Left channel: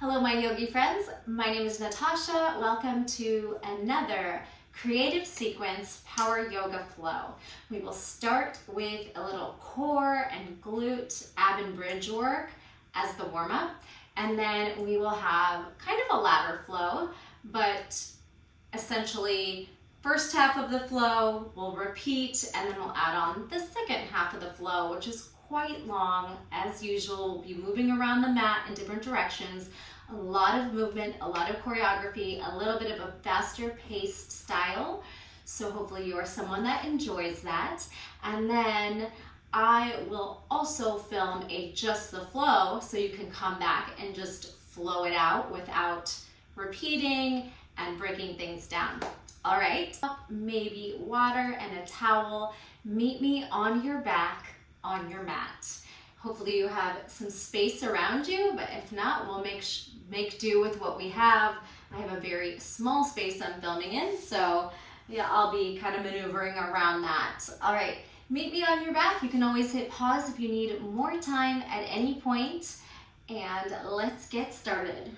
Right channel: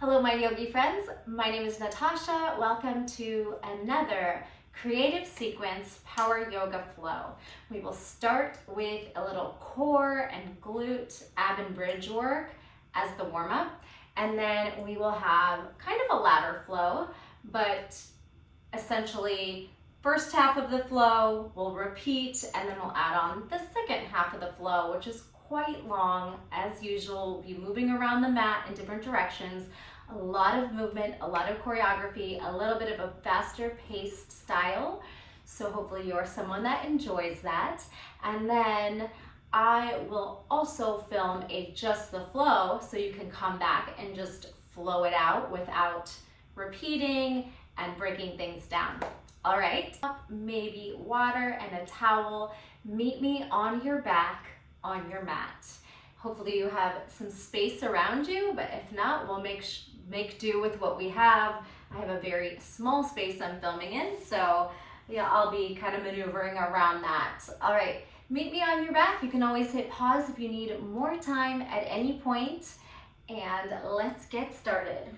Hello, my yogi friends. My name is Natasha. Welcome to another creative sequence power yoga flow. We will start with a little core and glute ab and bridge work as the warm up, and then we will have kind of a ladder flow, but essentially first half of the flow we'll repeat, and then we'll add on the second half of the flow, which is quite long. As usual, we'll be moving around the mat in different directions. A lot of movement, a lot of choreography, a little bit of a faster paced style. So hopefully you're someone that enjoys that. And then I will also film a just the flow so you can come back and just flow it out without repeating and breaking things down. All right, maybe water and a towel. Meet me on your back on your mat. Hopefully you have some space around you, but if not, we'll make do with what we have. I have a very small space I'm filming in, so yeah, I'll be kind of maneuvering around that. All right, meet me on your back. You can always hit pause if you need more time at any point, and let's get started.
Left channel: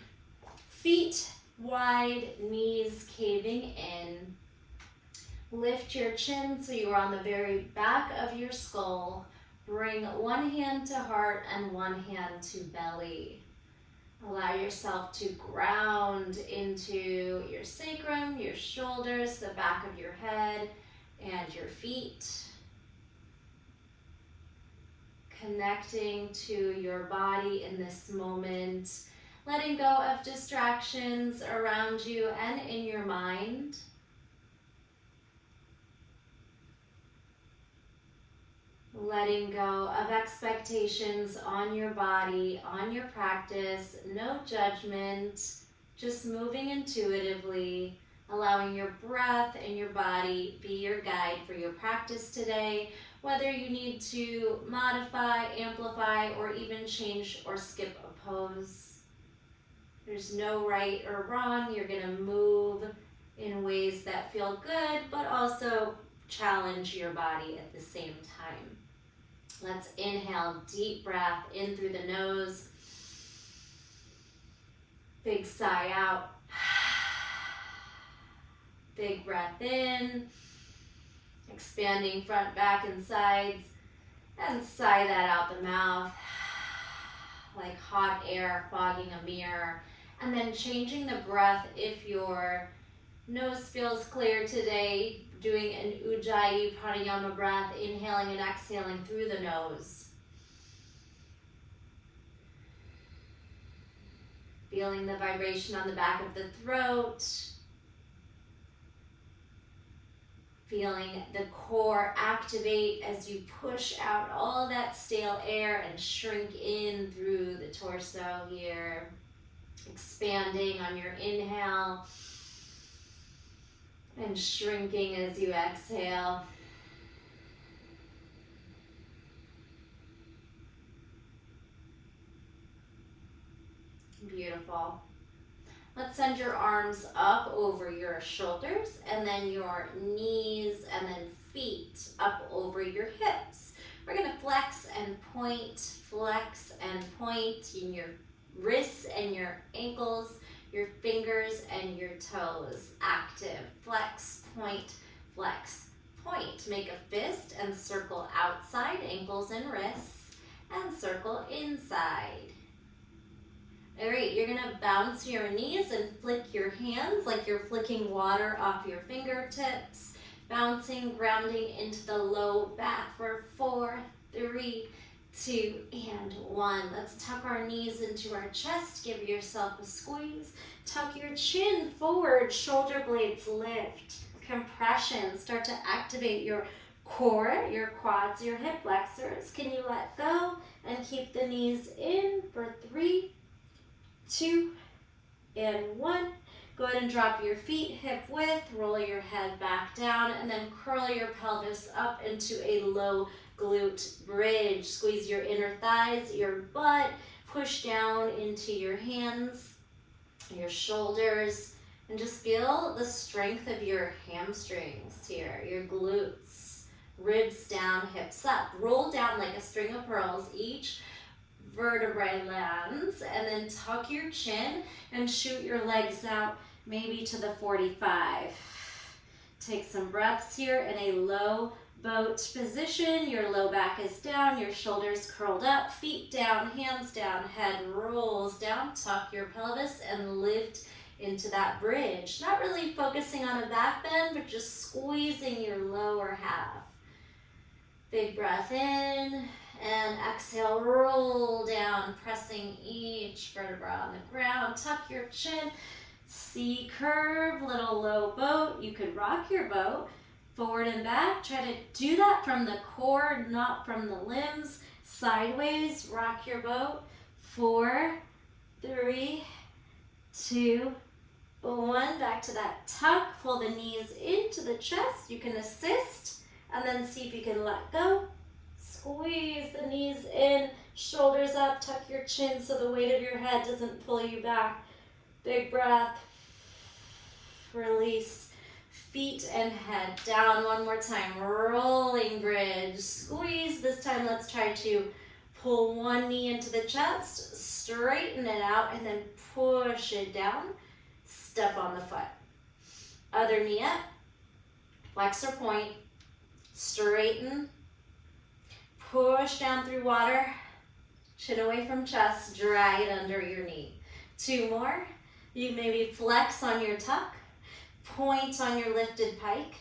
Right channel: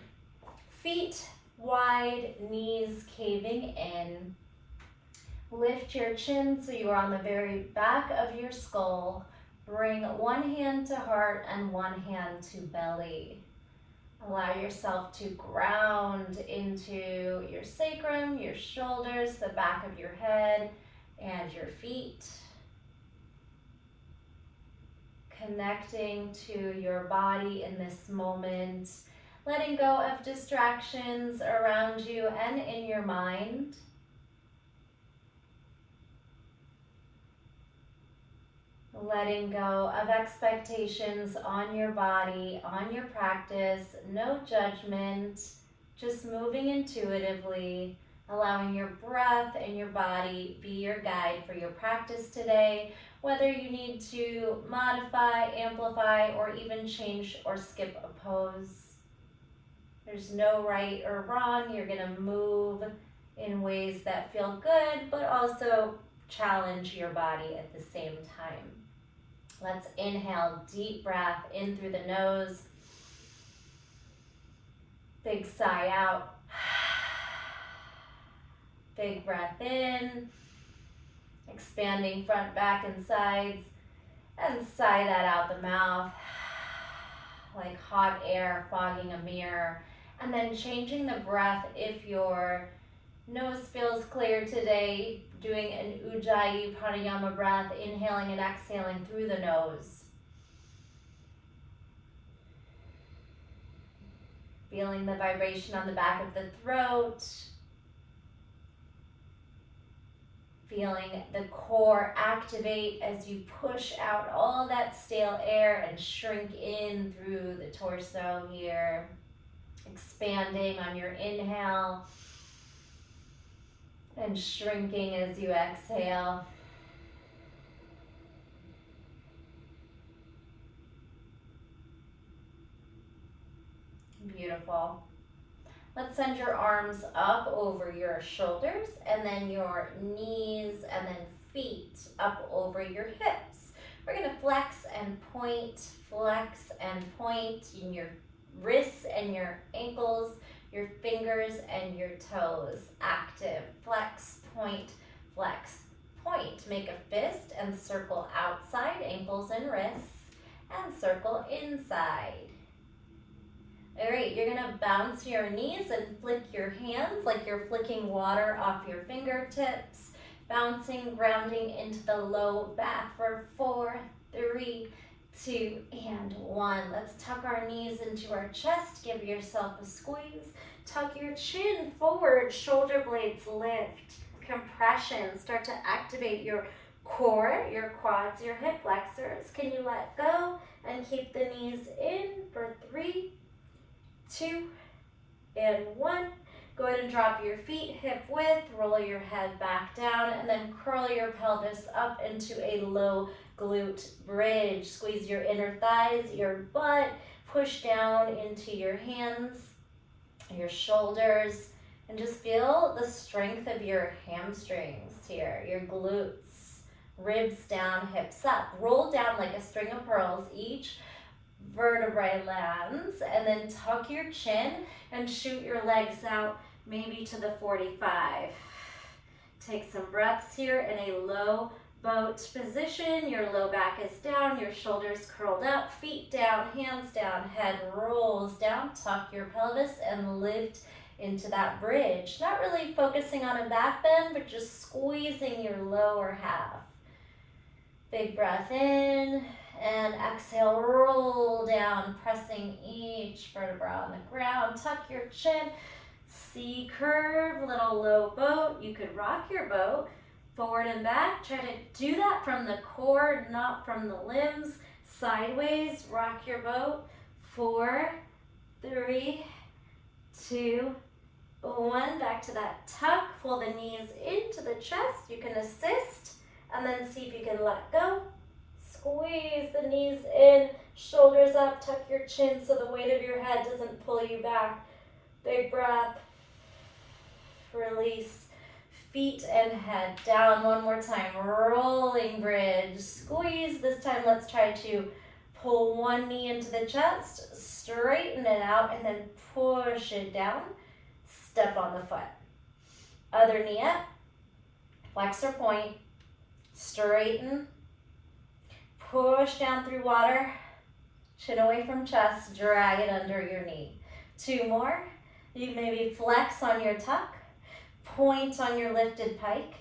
Feet wide, knees caving in. Lift your chin so you are on the very back of your skull. Bring one hand to heart and one hand to belly. Allow yourself to ground into your sacrum, your shoulders, the back of your head, and your feet. Connecting to your body in this moment. Letting go of distractions around you and in your mind. Letting go of expectations on your body, on your practice, no judgment, just moving intuitively, allowing your breath and your body be your guide for your practice today, whether you need to modify, amplify, or even change or skip a pose. There's no right or wrong. You're gonna move in ways that feel good, but also challenge your body at the same time. Let's inhale, deep breath in through the nose. Big sigh out. Big breath in. Expanding front, back, and sides. And sigh that out the mouth. Like hot air fogging a mirror. And then changing the breath if your nose feels clear today, doing an ujjayi pranayama breath, inhaling and exhaling through the nose. Feeling the vibration on the back of the throat. Feeling the core activate as you push out all that stale air and shrink in through the torso here. Expanding on your inhale. And shrinking as you exhale. Beautiful. Let's send your arms up over your shoulders and then your knees and then feet up over your hips. We're going to flex and point in your wrists and your ankles, your fingers and your toes. Active. Flex, point, flex, point. Make a fist and circle outside, ankles and wrists, and circle inside. All right, you're gonna bounce your knees and flick your hands like you're flicking water off your fingertips. Bouncing, grounding into the low back for 4, 3, 2, and 1. Let's tuck our knees into our chest. Give yourself a squeeze. Tuck your chin forward, shoulder blades lift. Compression, start to activate your core, your quads, your hip flexors. Can you let go and keep the knees in for 3, 2, and 1. Go ahead and drop your feet hip width, roll your head back down, and then curl your pelvis up into a low glute bridge. Squeeze your inner thighs, your butt, push down into your hands, your shoulders, and just feel the strength of your hamstrings here, your glutes. Ribs down, hips up. Roll down like a string of pearls each. vertebrae lands, and then tuck your chin and shoot your legs out maybe to the 45. Take some breaths here in a low boat position. Your low back is down, your shoulders curled up, feet down, hands down, head rolls down. Tuck your pelvis and lift into that bridge. Not really focusing on a back bend, but just squeezing your lower half. Big breath in, and exhale, roll down, pressing each vertebra on the ground. Tuck your chin, C curve, little low boat. You could rock your boat forward and back. Try to do that from the core, not from the limbs. Sideways, rock your boat. 4, 3, 2, 1. Back to that tuck. Pull the knees into the chest. You can assist, and then see if you can let go. Squeeze the knees in, shoulders up, tuck your chin so the weight of your head doesn't pull you back. Big breath. Release. Feet and head down. One more time. Rolling bridge. Squeeze. This time let's try to pull one knee into the chest, straighten it out, and then push it down. Step on the foot. Other knee up. Flexor point. Straighten. Push down through water. Chin away from chest. Drag it under your knee. 2 more. You maybe flex on your tuck. Point on your lifted pike,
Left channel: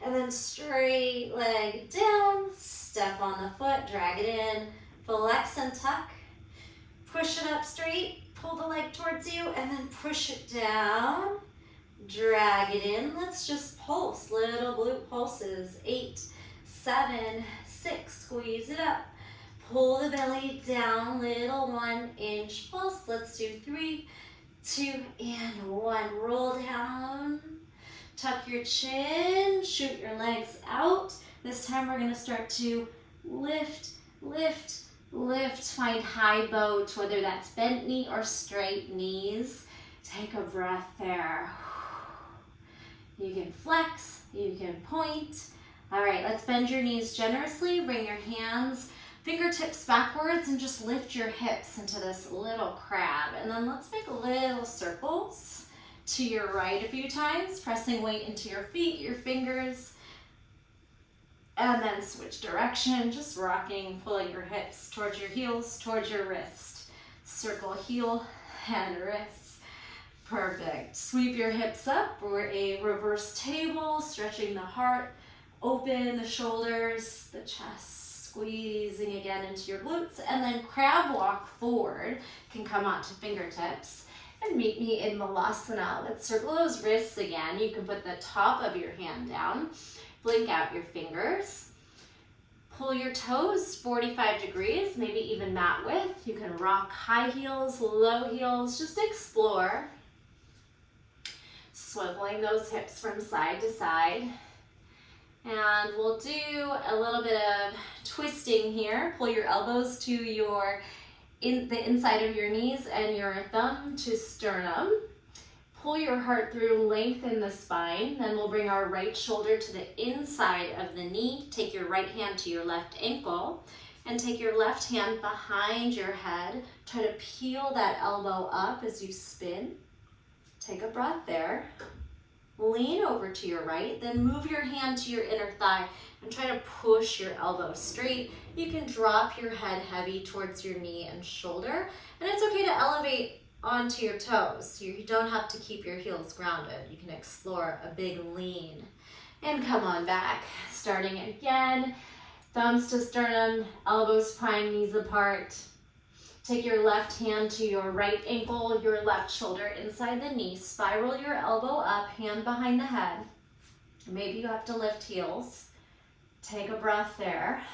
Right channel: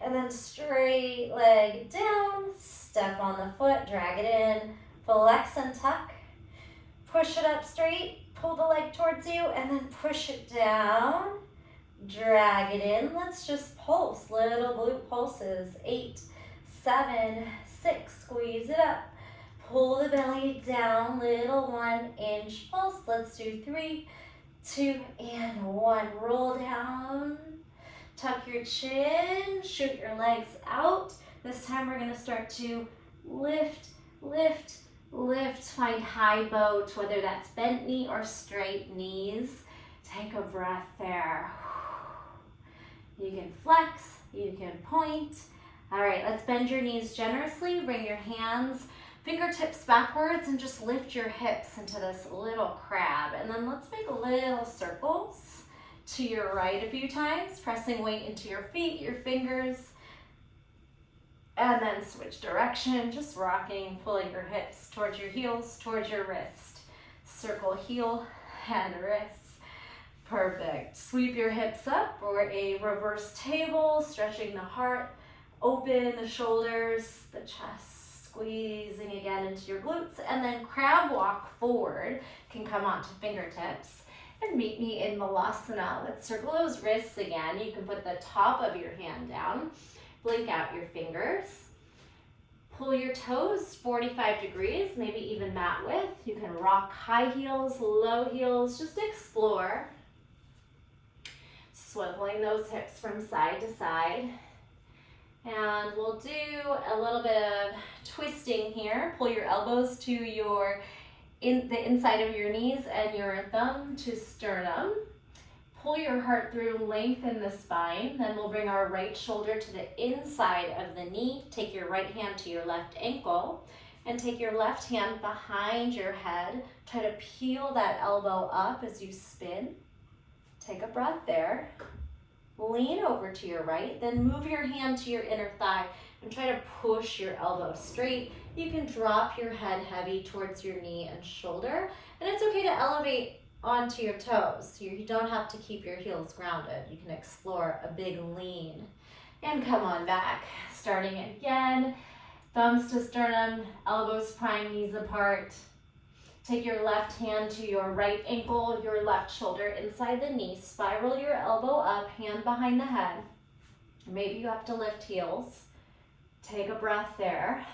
and then straight leg down, step on the foot, drag it in, flex and tuck, push it up straight, pull the leg towards you, and then push it down, drag it in. Let's just pulse, little glute pulses. 8, 7, 6, squeeze it up, pull the belly down, little 1-inch pulse. Let's do 3, 2, and 1. Roll down. Tuck your chin, shoot your legs out. This time we're gonna start to lift, lift, lift. Find high boat, whether that's bent knee or straight knees. Take a breath there. You can flex, you can point. All right, let's bend your knees generously. Bring your hands, fingertips backwards, and just lift your hips into this little crab. And then let's make little circles to your right a few times, pressing weight into your feet, your fingers, and then switch direction, just rocking, pulling your hips towards your heels, towards your wrist. Circle heel and wrist. Perfect. Sweep your hips up for a reverse table, stretching the heart, open the shoulders, the chest, squeezing again into your glutes, and then crab walk forward. Can come onto fingertips. And meet me in Malasana. Let's circle those wrists again. You can put the top of your hand down, blink out your fingers, pull your toes 45 degrees, maybe even mat width. You can rock high heels, low heels, just explore. Swiveling those hips from side to side. And we'll do a little bit of twisting here. Pull your elbows to the inside of your knees and your thumb to sternum. Pull your heart through, lengthen the spine. Then we'll bring our right shoulder to the inside of the knee. Take your right hand to your left ankle and take your left hand behind your head. Try to peel that elbow up as you spin. Take a breath there. Lean over to your right, then move your hand to your inner thigh and try to push your elbow straight. You can drop your head heavy towards your knee and shoulder, and it's okay to elevate onto your toes. You don't have to keep your heels grounded. You can explore a big lean. And come on back, starting again. Thumbs to sternum, elbows prime, knees apart. Take your left hand to your right ankle, your left shoulder inside the knee. Spiral your elbow up, hand behind the head. Maybe you have to lift heels. Take a breath there.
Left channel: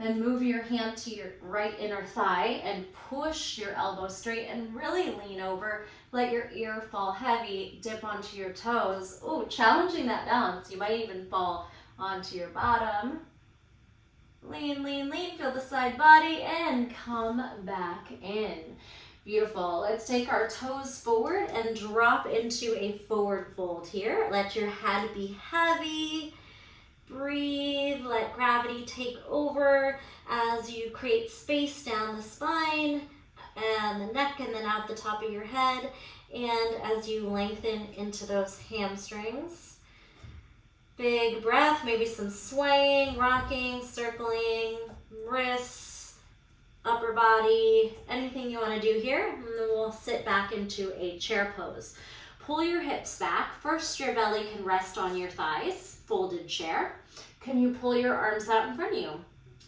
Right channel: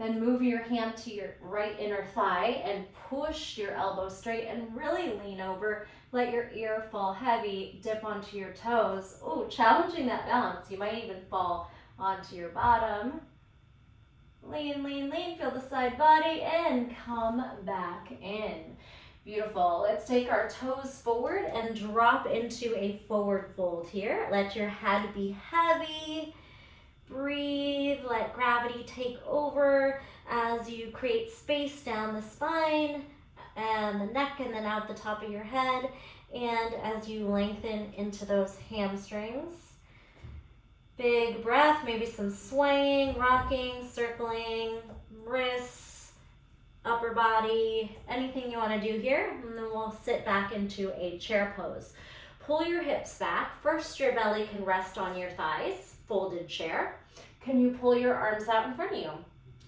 Then move your hand to your right inner thigh and push your elbow straight and really lean over. Let your ear fall heavy, dip onto your toes. Oh, challenging that balance. You might even fall onto your bottom. Lean, lean, lean, feel the side body and come back in. Beautiful. Let's take our toes forward and drop into a forward fold here. Let your head be heavy. Breathe, let gravity take over as you create space down the spine and the neck and then out the top of your head, and as you lengthen into those hamstrings. Big breath, maybe some swaying, rocking, circling, wrists, upper body, anything you want to do here. And then we'll sit back into a chair pose. Pull your hips back. First, your belly can rest on your thighs, folded chair. Can you pull your arms out in front of you?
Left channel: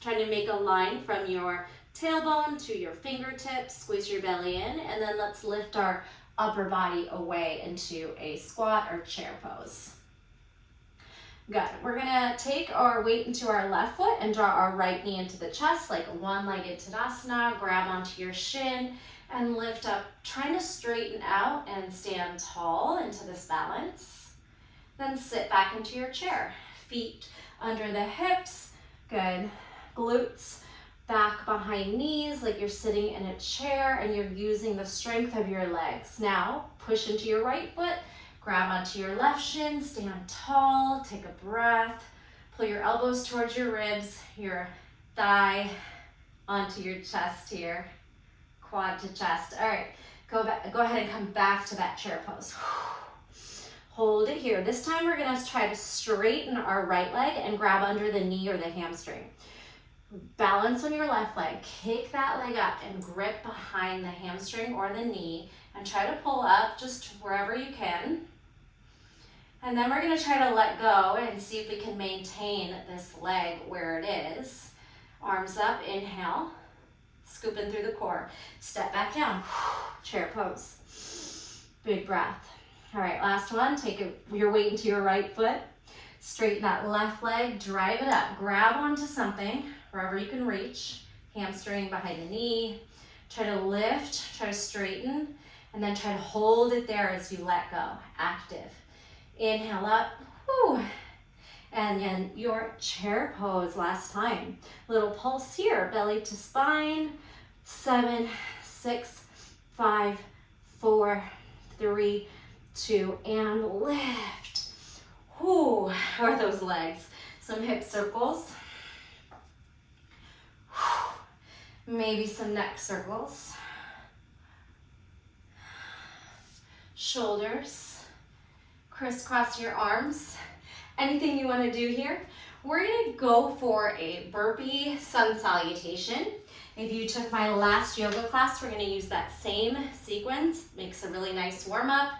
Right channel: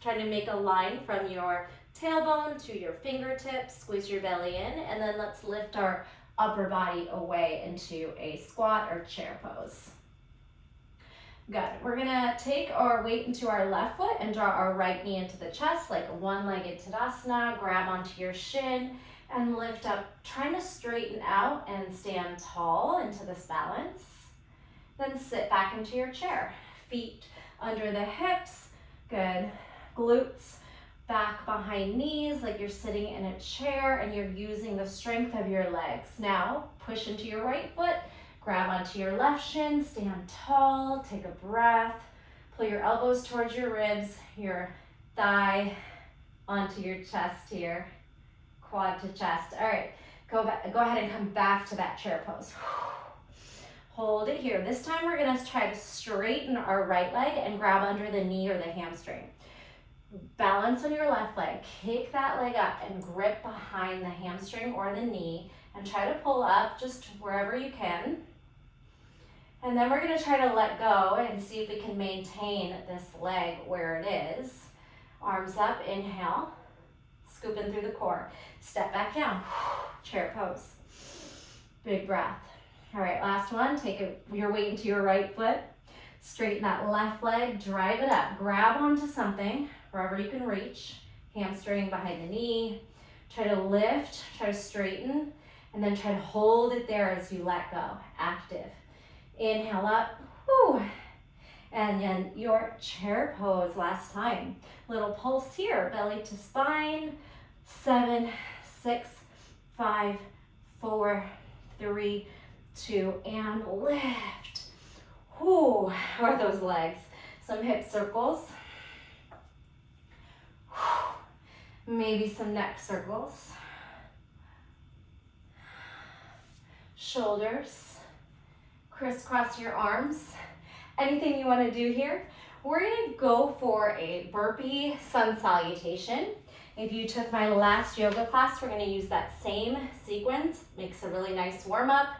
Trying to make a line from your tailbone to your fingertips, squeeze your belly in, and then let's lift our upper body away into a squat or chair pose. Good. We're gonna take our weight into our left foot and draw our right knee into the chest like a one-legged Tadasana. Grab onto your shin and lift up, trying to straighten out and stand tall into this balance. Then sit back into your chair. Feet under the hips. Good. Glutes back behind knees like you're sitting in a chair and you're using the strength of your legs. Now push into your right foot. Grab onto your left shin, stand tall, take a breath, pull your elbows towards your ribs, your thigh onto your chest here, quad to chest. All right, go ahead and come back to that chair pose. Hold it here. This time we're gonna try to straighten our right leg and grab under the knee or the hamstring. Balance on your left leg, kick that leg up and grip behind the hamstring or the knee and try to pull up just wherever you can. And then we're gonna try to let go and see if we can maintain this leg where it is. Arms up, inhale, scooping through the core. Step back down, chair pose. Big breath. All right, last one, take your weight into your right foot. Straighten that left leg, drive it up. Grab onto something, wherever you can reach. Hamstring behind the knee. Try to lift, try to straighten, and then try to hold it there as you let go, active. Inhale up, whew. And then your chair pose last time. Little pulse here, belly to spine. 7, 6, 5, 4, 3, 2, and lift. Whew, where are those legs? Some hip circles. Whew. Maybe some neck circles. Shoulders. Crisscross your arms. Anything you want to do here. We're going to go for a burpee sun salutation. If you took my last yoga class, we're going to use that same sequence. Makes a really nice warm up.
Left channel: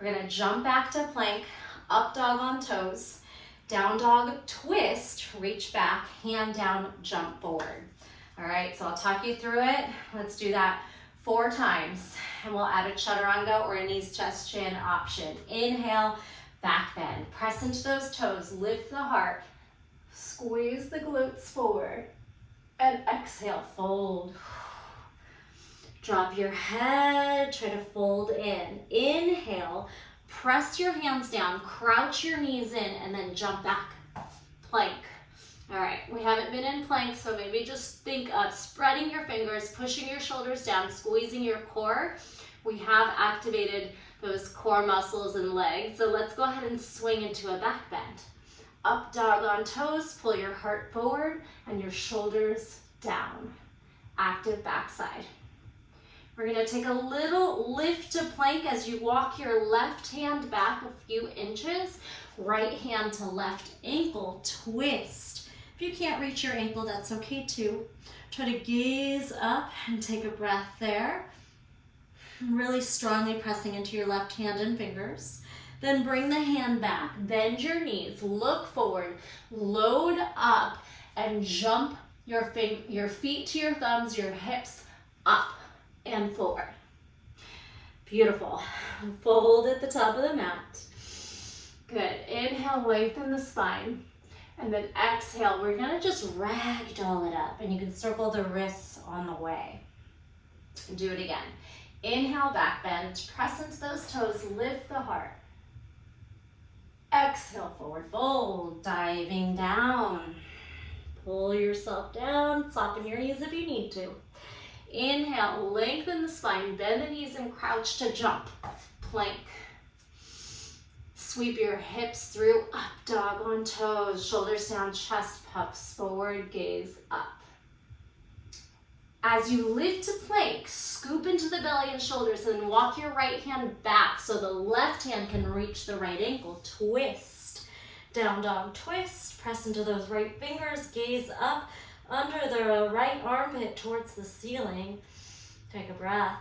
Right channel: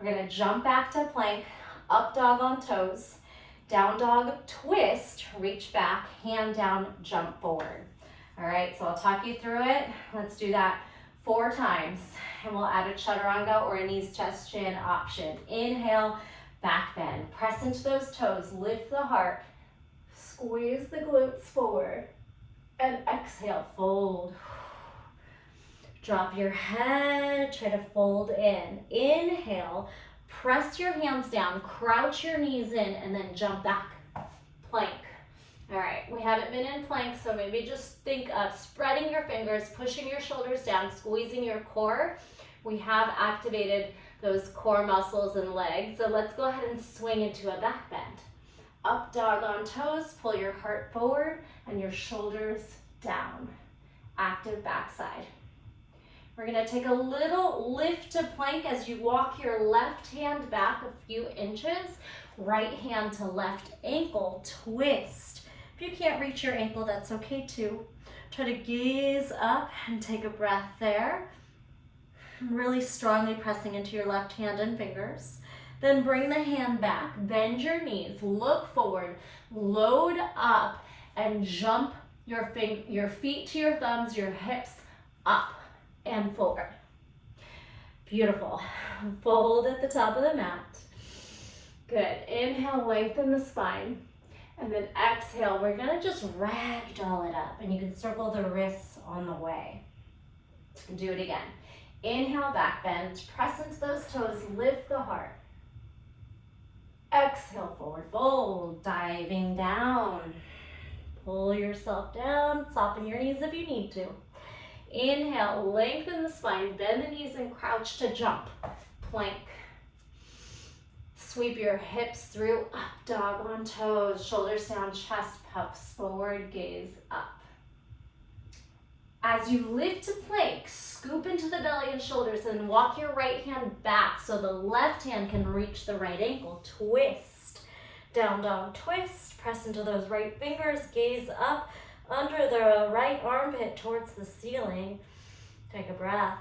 We're going to jump back to plank, up dog on toes, down dog twist, reach back, hand down, jump forward. All right, so I'll talk you through it. Let's do that 4 times. And we'll add a chaturanga or a knees, chest, chin option. Inhale, back bend. Press into those toes, lift the heart. Squeeze the glutes forward. And exhale, fold. Drop your head, try to fold in. Inhale, press your hands down, crouch your knees in, and then jump back. Plank. All right, we haven't been in plank, so maybe just think of spreading your fingers, pushing your shoulders down, squeezing your core. We have activated those core muscles and legs, so let's go ahead and swing into a back bend. Up dog on toes, pull your heart forward and your shoulders down. Active backside. We're gonna take a little lift to plank as you walk your left hand back a few inches, right hand to left ankle, twist. If you can't reach your ankle, that's okay too. Try to gaze up and take a breath there. Really strongly pressing into your left hand and fingers. Then bring the hand back, bend your knees, look forward, load up, and jump your feet to your thumbs, your hips up and forward. Beautiful. Fold at the top of the mat. Good. Inhale, lengthen the spine. And then exhale, we're gonna just ragdoll it up. And you can circle the wrists on the way. Do it again. Inhale, back bend. Press into those toes, lift the heart. Exhale, forward fold, diving down. Pull yourself down, soften your knees if you need to. Inhale, lengthen the spine, bend the knees and crouch to jump. Plank. Sweep your hips through, up dog on toes, shoulders down, chest puffs forward, gaze up. As you lift to plank, scoop into the belly and shoulders and walk your right hand back so the left hand can reach the right ankle. Twist, down dog twist, press into those right fingers, gaze up under the right armpit towards the ceiling. Take a breath.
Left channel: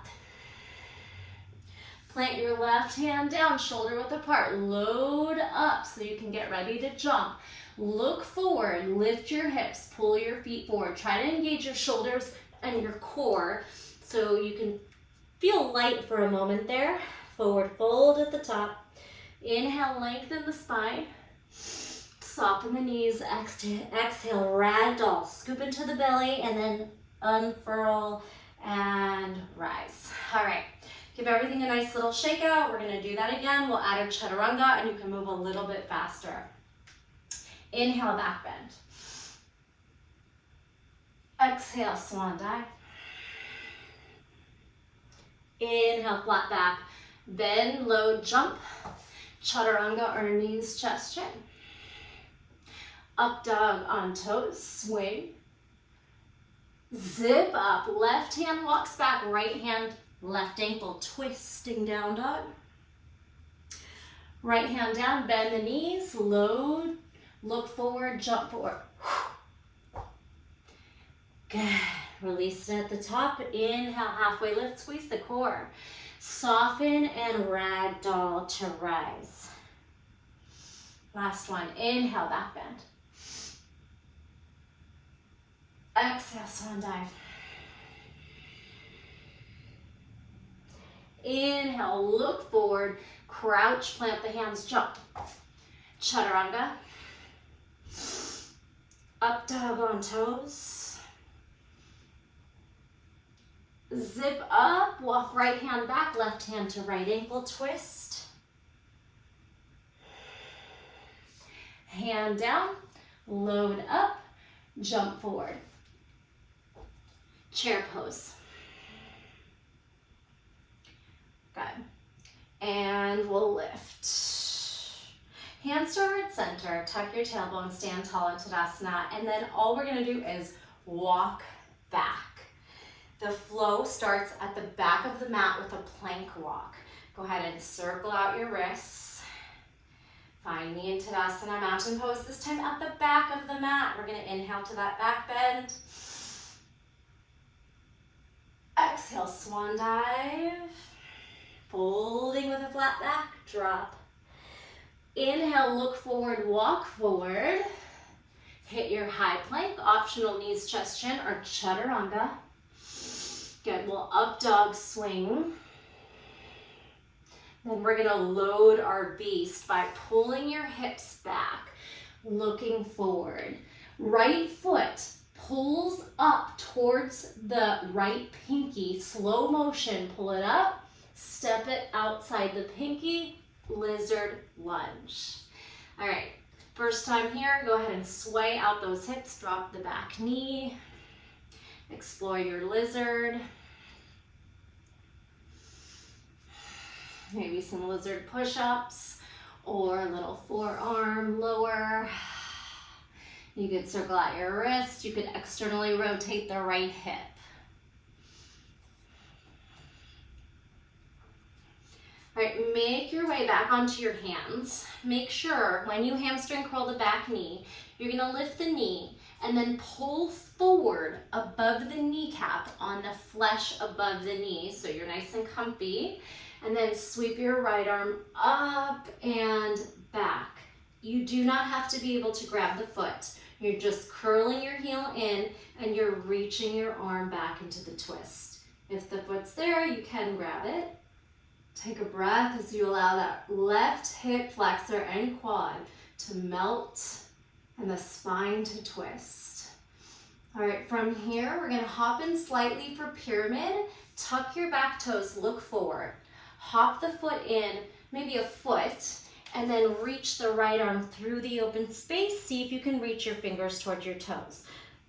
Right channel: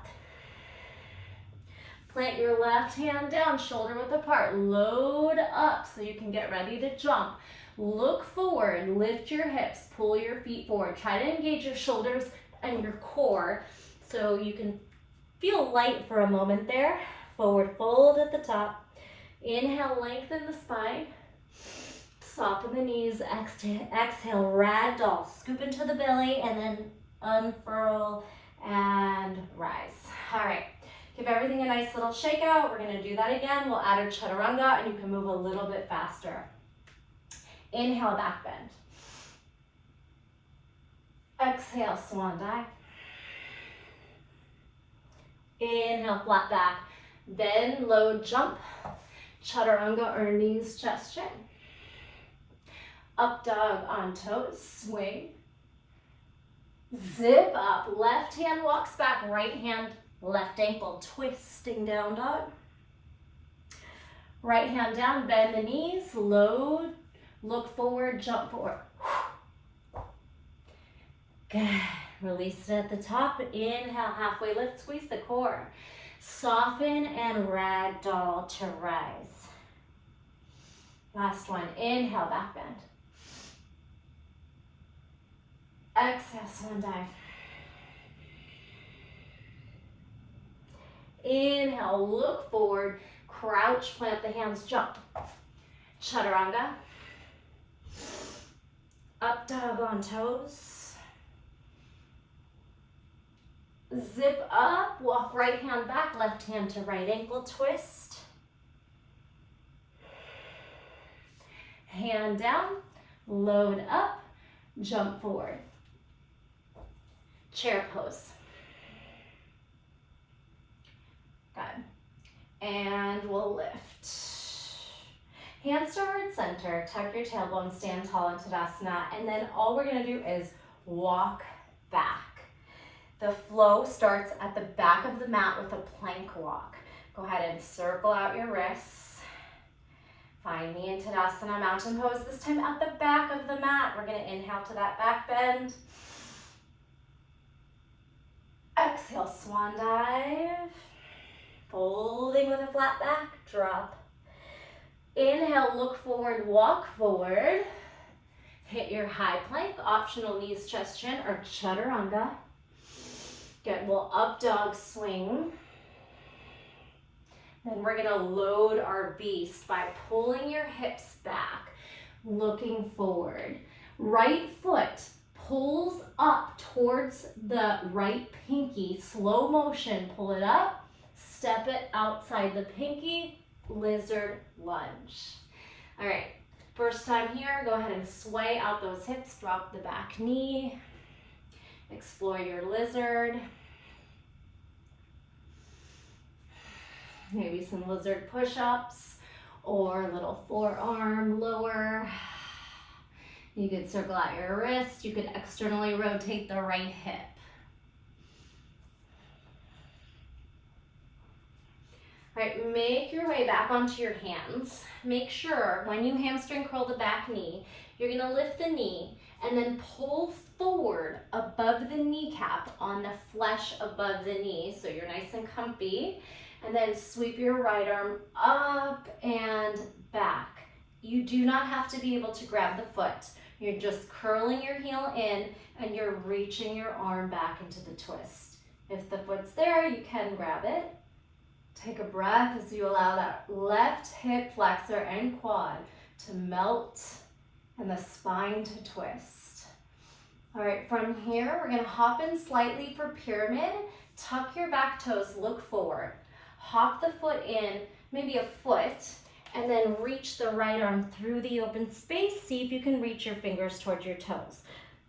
Plant your left hand down, shoulder width apart. Load up so you can get ready to jump. Look forward, lift your hips, pull your feet forward. Try to engage your shoulders and your core so you can feel light for a moment there. Forward fold at the top. Inhale, lengthen the spine. Soften the knees. Exhale, ragdoll. Scoop into the belly and then unfurl and rise. All right. Give everything a nice little shake out. We're gonna do that again. We'll add a chaturanga and you can move a little bit faster. Inhale, back bend. Exhale, swan dive. Inhale, flat back. Bend, load, jump. Chaturanga or knees, chest, chin. Up dog on toes, swing. Zip up, left hand walks back, right hand, left ankle, twisting down dog. Right hand down, bend the knees, load, look forward, jump forward. Good. Release it at the top. Inhale, halfway lift, squeeze the core. Soften and ragdoll to rise. Last one. Inhale, back bend. Exhale, swan dive. Inhale, look forward, crouch, plant the hands, jump. Chaturanga. Up dog on toes. Zip up, walk right hand back, left hand to right ankle, twist. Hand down, load up, jump forward. Chair pose. Good. And we'll lift. Hands to heart center, tuck your tailbone, stand tall in Tadasana, and then all we're gonna do is walk back. The flow starts at the back of the mat with a plank walk. Go ahead and circle out your wrists. Find me in Tadasana, mountain pose, this time at the back of the mat. We're gonna inhale to that back bend. Exhale, swan dive. Folding with a flat back, drop. Inhale, look forward, walk forward. Hit your high plank, optional knees, chest, chin, or chaturanga. Good, we'll up dog swing. Then we're gonna load our beast by pulling your hips back, looking forward. Right foot pulls up towards the right pinky, slow motion, pull it up, step it outside the pinky, lizard lunge. All right, first time here, go ahead and sway out those hips, drop the back knee, explore your lizard. Maybe some lizard push-ups or a little forearm lower. You could circle out your wrist. You could externally rotate the right hip. All right, make your way back onto your hands. Make sure when you hamstring curl the back knee, you're gonna lift the knee and then pull forward above the kneecap on the flesh above the knee so you're nice and comfy. And then sweep your right arm up and back. You do not have to be able to grab the foot. You're just curling your heel in and you're reaching your arm back into the twist. If the foot's there, you can grab it. Take a breath as you allow that left hip flexor and quad to melt and the spine to twist. All right, from here, we're gonna hop in slightly for pyramid. Tuck your back toes, look forward. Hop the foot in, maybe a foot, and then reach the right arm through the open space. See if you can reach your fingers towards your toes.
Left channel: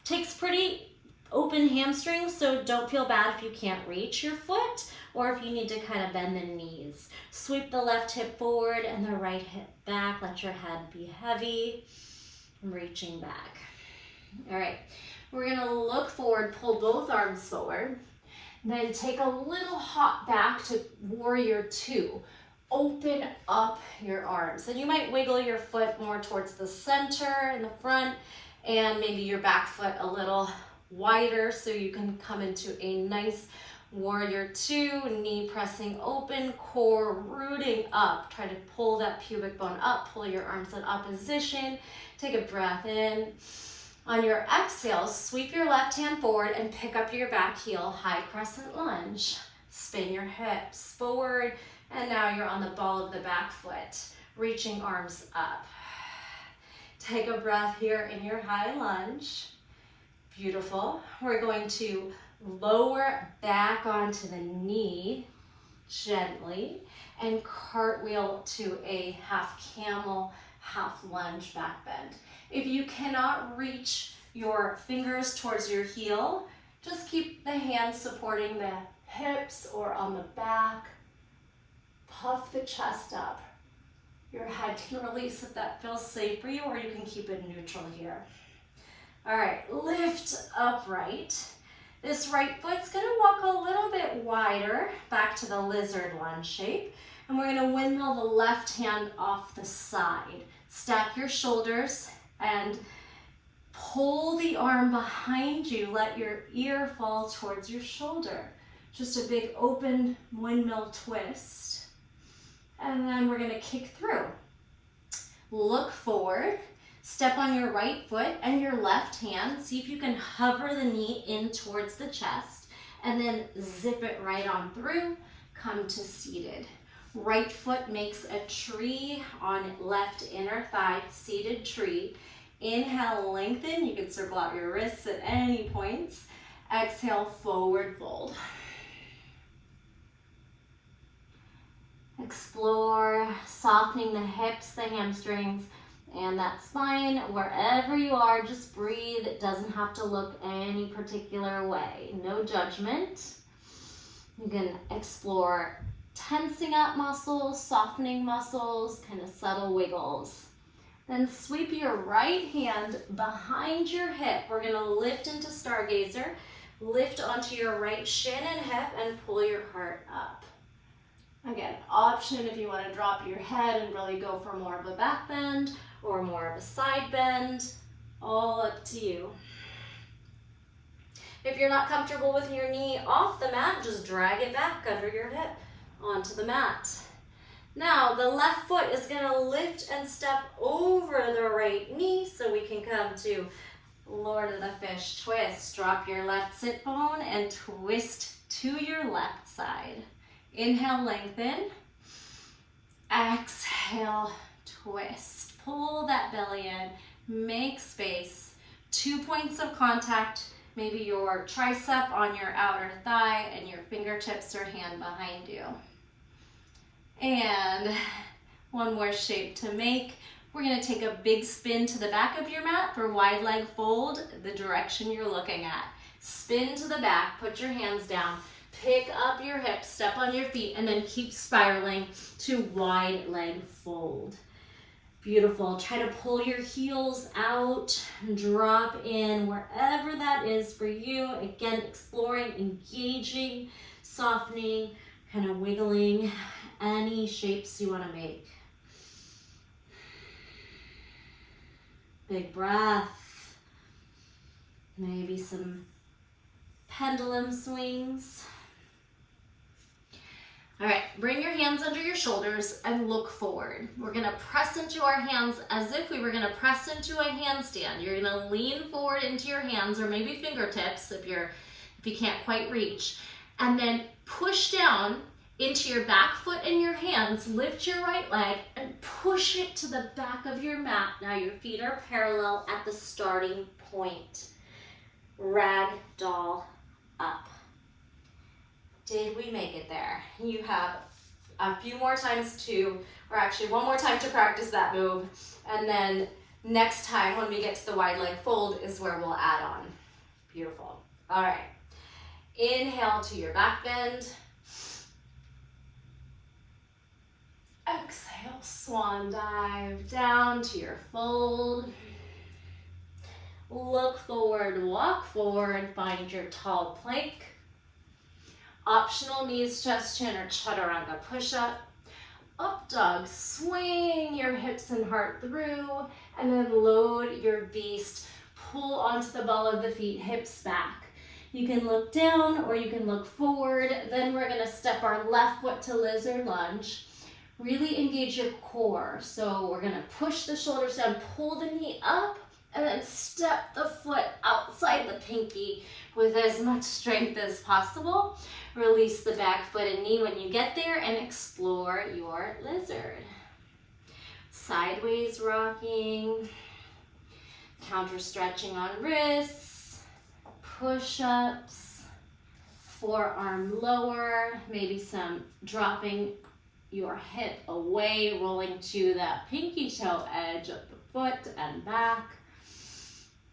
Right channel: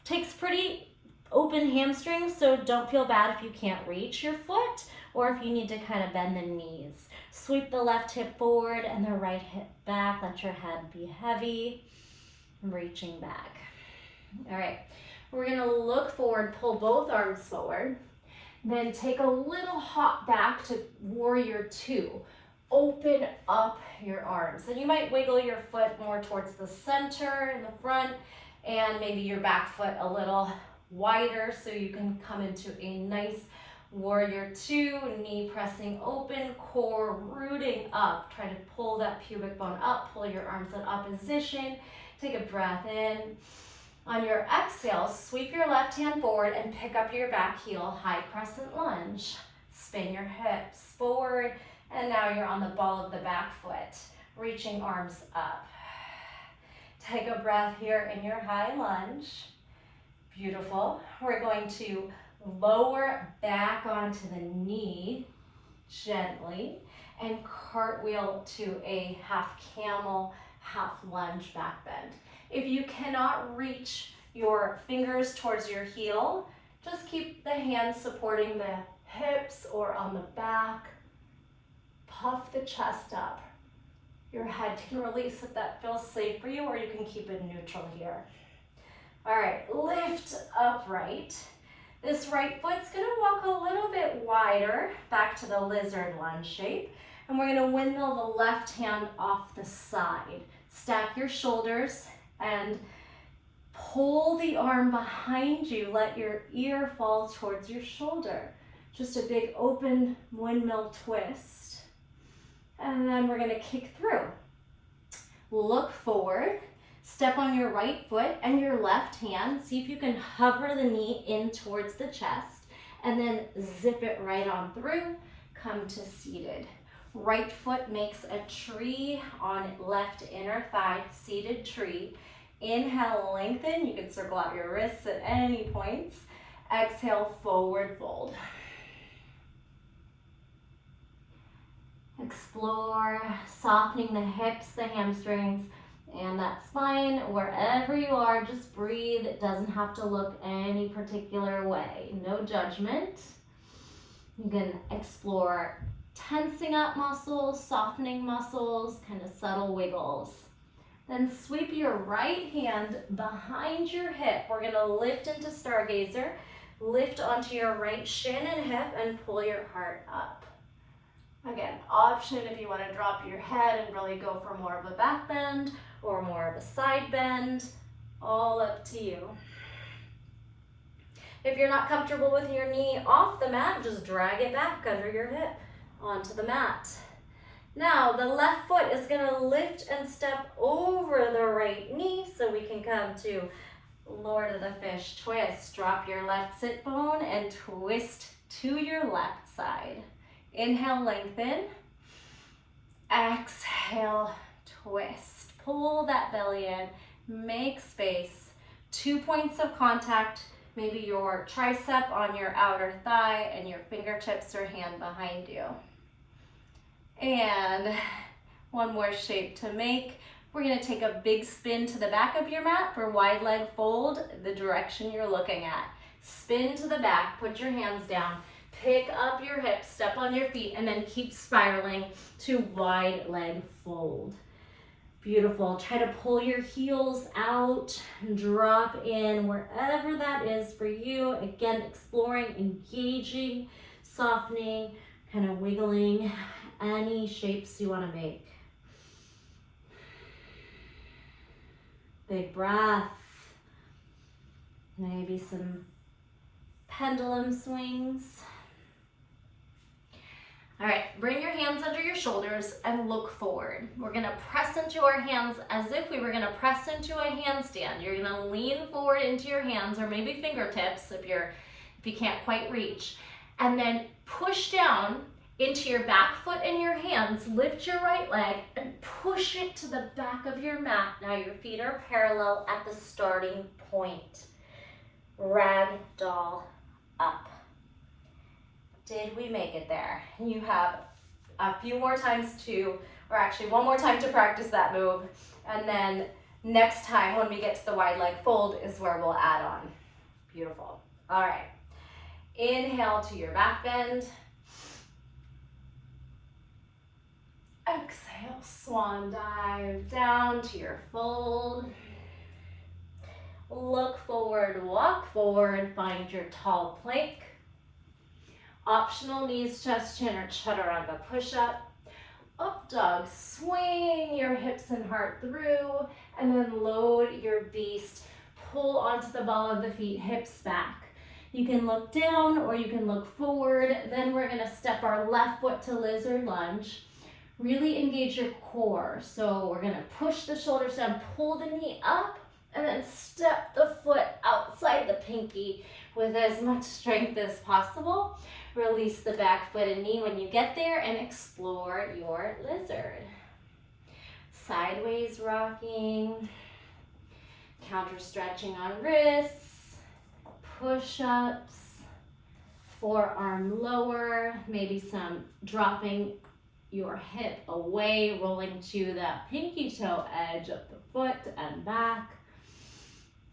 Takes pretty open hamstrings, so don't feel bad if you can't reach your foot or if you need to kind of bend the knees. Sweep the left hip forward and the right hip back. Let your head be heavy. Reaching back. All right, we're gonna look forward, pull both arms forward, then take a little hop back to warrior two. Open up your arms. And you might wiggle your foot more towards the center in the front and maybe your back foot a little wider so you can come into a nice warrior two, knee pressing open, core rooting up. Try to pull that pubic bone up, pull your arms in opposition. Take a breath in. On your exhale, sweep your left hand forward and pick up your back heel, high crescent lunge. Spin your hips forward, and now you're on the ball of the back foot, reaching arms up. Take a breath here in your high lunge. Beautiful. We're going to lower back onto the knee gently and cartwheel to a half camel, half lunge back bend. If you cannot reach your fingers towards your heel, just keep the hands supporting the hips or on the back. Puff the chest up. Your head can release if that feels safe for you, or you can keep it neutral here. All right, lift upright. This right foot's gonna walk a little bit wider back to the lizard lunge shape, and we're gonna windmill the left hand off the side. Stack your shoulders and pull the arm behind you. Let your ear fall towards your shoulder. Just a big open windmill twist. And then we're gonna kick through. Look forward, step on your right foot and your left hand. See if you can hover the knee in towards the chest and then zip it right on through. Come to seated. Right foot makes a tree on left inner thigh, seated tree. Inhale, lengthen. You can circle out your wrists at any points. Exhale, forward fold. Explore softening the hips, the hamstrings, and that spine. Wherever you are, just breathe. It doesn't have to look any particular way. No judgment. You can explore tensing up muscles, softening muscles, kind of subtle wiggles. Then sweep your right hand behind your hip. We're gonna lift into stargazer. Lift onto your right shin and hip and pull your heart up. Again, option if you want to drop your head and really go for more of a back bend or more of a side bend, all up to you. If you're not comfortable with your knee off the mat, just drag it back under your hip onto the mat. Now the left foot is going to lift and step over the right knee so we can come to Lord of the Fish twist. Drop your left sit bone and twist to your left side. Inhale, lengthen. Exhale, twist. Pull that belly in, make space. 2 points of contact, maybe your tricep on your outer thigh and your fingertips or hand behind you. And one more shape to make. We're gonna take a big spin to the back of your mat for wide leg fold, the direction you're looking at. Spin to the back, put your hands down, pick up your hips, step on your feet, and then keep spiraling to wide leg fold. Beautiful. Try to pull your heels out, drop in wherever that is for you. Again, exploring, engaging, softening, kind of wiggling any shapes you want to make. Big breath. Maybe some pendulum swings. All right, bring your hands under your shoulders and look forward. We're gonna press into our hands as if we were gonna press into a handstand. You're gonna lean forward into your hands or maybe fingertips if you can't quite reach. And then push down into your back foot and your hands. Lift your right leg and push it to the back of your mat. Now your feet are parallel at the starting point. Ragdoll up. Did we make it there? You have a few more times or actually one more time to practice that move. And then next time when we get to the wide leg fold is where we'll add on. Beautiful. All right. Inhale to your back bend. Exhale, swan dive down to your fold. Look forward, walk forward, find your tall plank. Optional knees, chest, chin, or chaturanga push-up. Up dog, swing your hips and heart through, and then load your beast. Pull onto the ball of the feet, hips back. You can look down or you can look forward. Then we're gonna step our left foot to lizard lunge. Really engage your core. So we're gonna push the shoulders down, pull the knee up, and then step the foot outside the pinky with as much strength as possible. Release the back foot and knee when you get there and explore your lizard. Sideways rocking, counter stretching on wrists, push-ups, forearm lower, maybe some dropping your hip away, rolling to that pinky toe edge of the foot and back.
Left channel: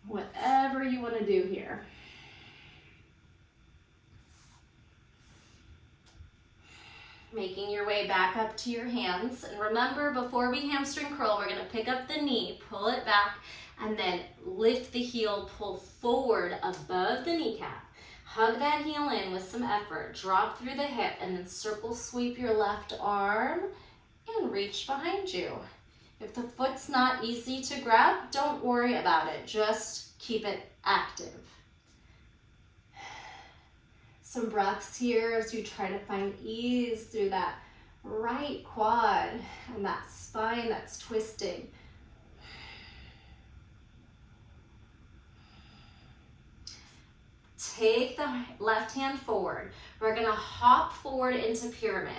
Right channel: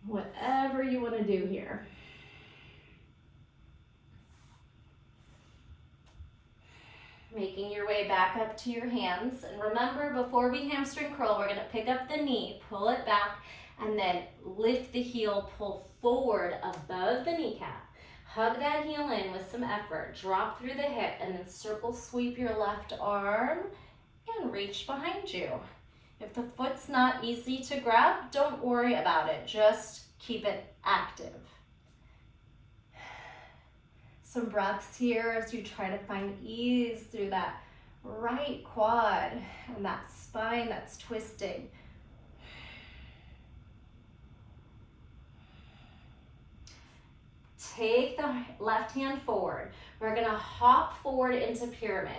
Whatever you want to do here. Making your way back up to your hands. And remember, before we hamstring curl, we're gonna pick up the knee, pull it back, and then lift the heel, pull forward above the kneecap. Hug that heel in with some effort. Drop through the hip and then circle sweep your left arm and reach behind you. If the foot's not easy to grab, don't worry about it. Just keep it active. Some breaths here as you try to find ease through that right quad and that spine that's twisting. Take the left hand forward. We're gonna hop forward into pyramid.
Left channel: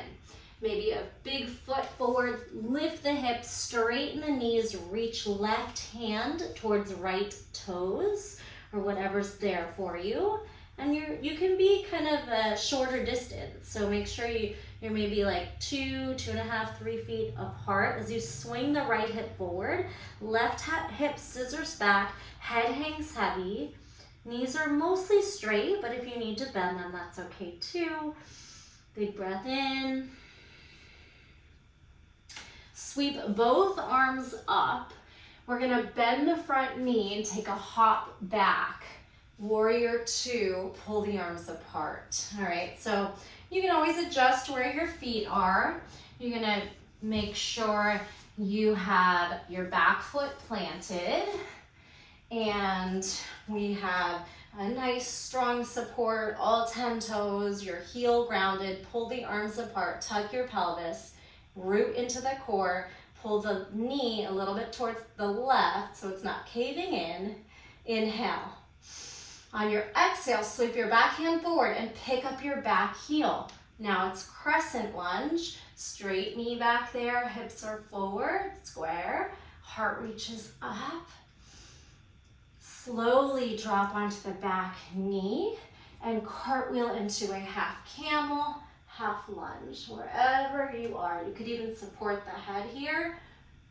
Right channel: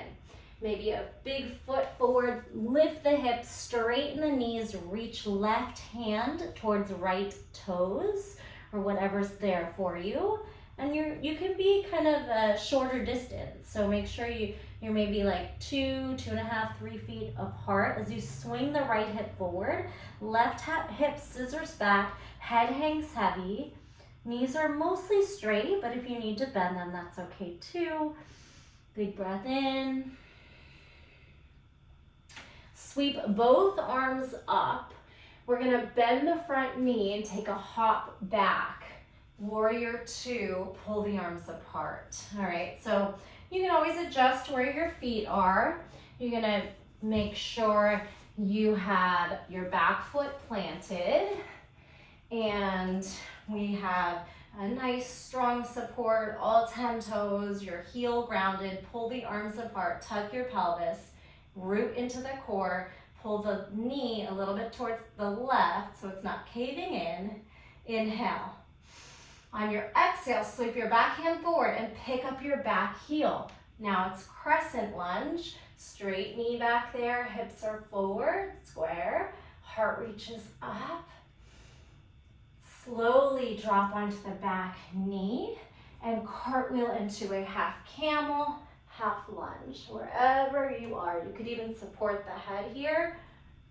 Maybe a big foot forward, lift the hips, straighten the knees, reach left hand towards right toes or whatever's there for you. And you can be kind of a shorter distance. So make sure you're maybe like 2.5, 3 feet apart as you swing the right hip forward. Left hip scissors back, head hangs heavy. Knees are mostly straight, but if you need to bend them, that's okay too. Big breath in. Sweep both arms up. We're gonna bend the front knee and take a hop back. Warrior two, pull the arms apart. All right, so you can always adjust where your feet are. You're gonna make sure you have your back foot planted and we have a nice strong support, all 10 toes, your heel grounded, pull the arms apart, tuck your pelvis, root into the core, pull the knee a little bit towards the left so it's not caving in. Inhale. On your exhale, sweep your back hand forward and pick up your back heel. Now it's crescent lunge, straight knee back there, hips are forward, square, heart reaches up. Slowly drop onto the back knee and cartwheel into a half camel, half lunge, wherever you are. You could even support the head here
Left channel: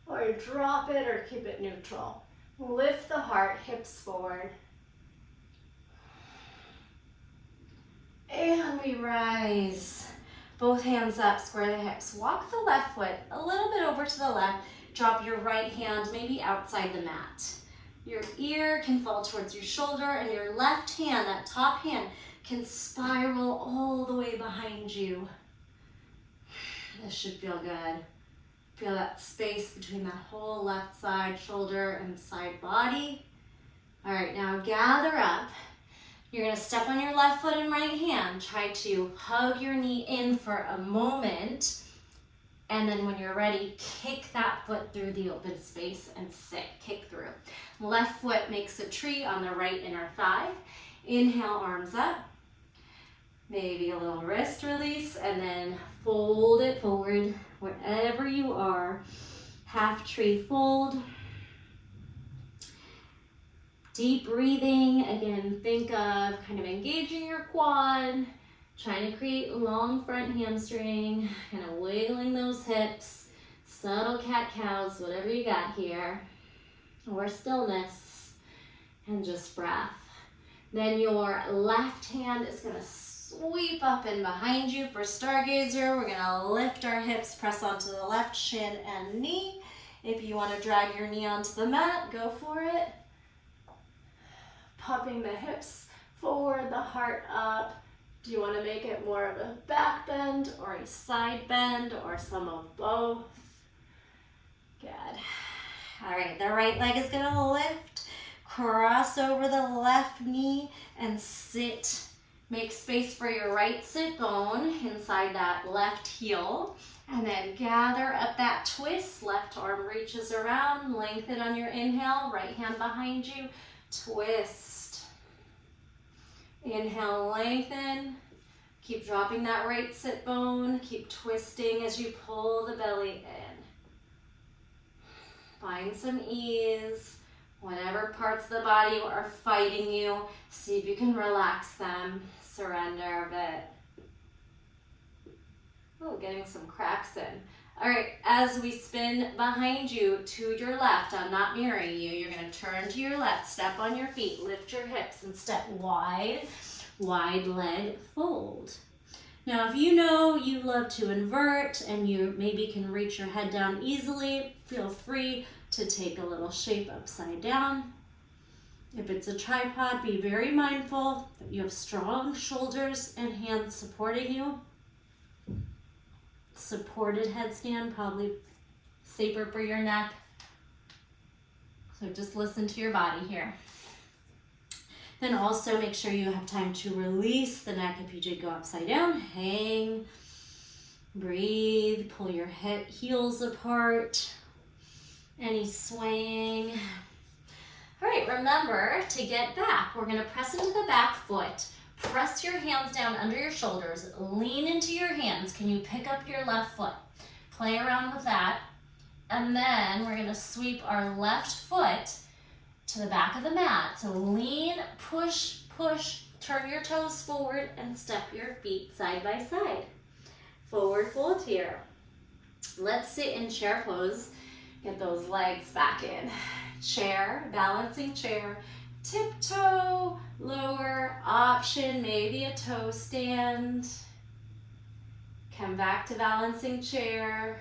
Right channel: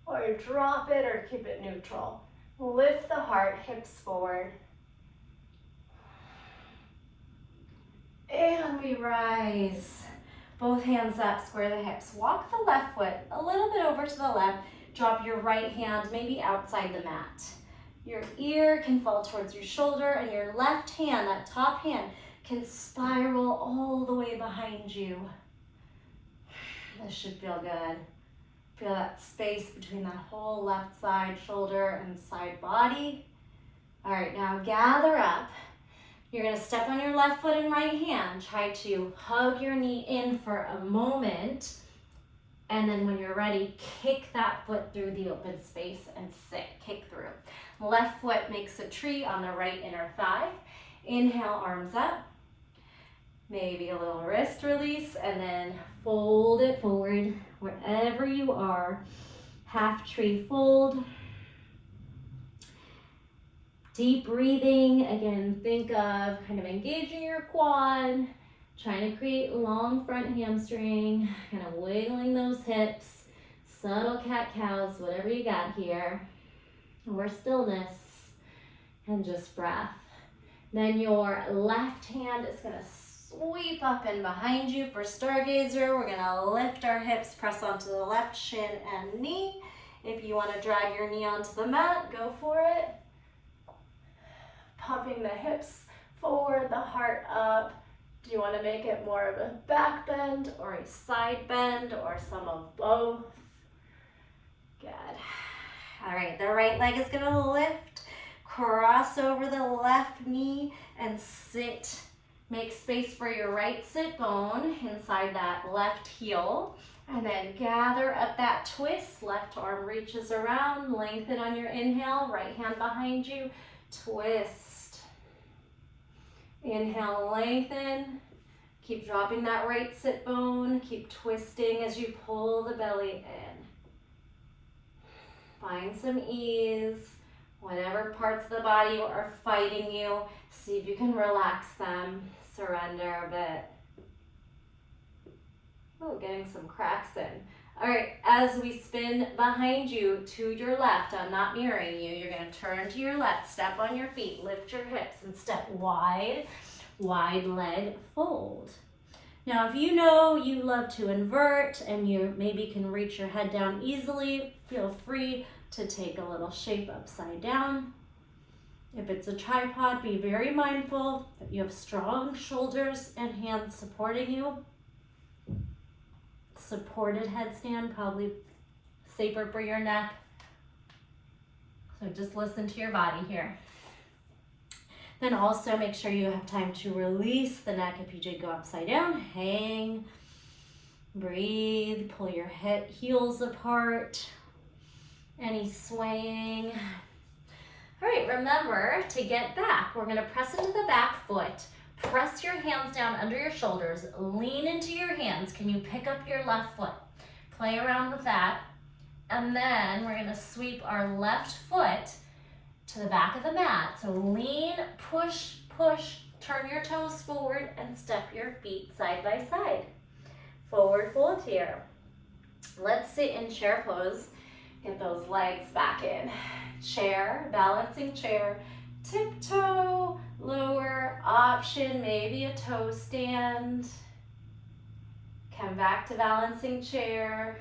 or drop it or keep it neutral. Lift the heart, hips forward. And we rise. Both hands up, square the hips. Walk the left foot a little bit over to the left. Drop your right hand maybe outside the mat. Your ear can fall towards your shoulder and your left hand, that top hand, can spiral all the way behind you. This should feel good. Feel that space between that whole left side shoulder and side body. All right, now gather up. You're gonna step on your left foot and right hand. Try to hug your knee in for a moment. And then when you're ready, kick that foot through the open space and sit, kick through. Left foot makes a tree on the right inner thigh. Inhale, arms up. Maybe a little wrist release and then fold it forward wherever you are. Half tree fold. Deep breathing, again, think of kind of engaging your quad, trying to create long front hamstring, kind of wiggling those hips, subtle cat-cows, whatever you got here, or stillness, and just breath. Then your left hand is gonna sweep up and behind you for stargazer. We're gonna lift our hips, press onto the left shin and knee. If you wanna drag your knee onto the mat, go for it. Popping the hips forward, the heart up. Do you wanna make it more of a back bend or a side bend or some of both? Good. All right, the right leg is gonna lift, cross over the left knee and sit. Make space for your right sit bone inside that left heel. And then gather up that twist. Left arm reaches around, lengthen on your inhale, right hand behind you, twist. Inhale, lengthen. Keep dropping that right sit bone. Keep twisting as you pull the belly in. Find some ease. Whatever parts of the body are fighting you, see if you can relax them. Surrender a bit. Oh, getting some cracks in. All right, as we spin behind you to your left, I'm not mirroring you. You're gonna turn to your left, step on your feet, lift your hips and step wide, wide leg fold. Now, if you know you love to invert and you maybe can reach your head down easily, feel free to take a little shape upside down. If it's a tripod, be very mindful that you have strong shoulders and hands supporting you. Supported headstand, probably safer for your neck. So just listen to your body here. Then also make sure you have time to release the neck if you did go upside down. Hang, breathe, pull your heels apart. Any swaying. All right, remember to get back, we're gonna press into the back foot. Press your hands down under your shoulders, lean into your hands. Can you pick up your left foot? Play around with that. And then we're gonna sweep our left foot to the back of the mat. So lean, push, push, turn your toes forward and step your feet side by side. Forward fold here. Let's sit in chair pose. Get those legs back in. Chair, balancing chair, tiptoe, lower, option, maybe a toe stand. Come back to balancing chair.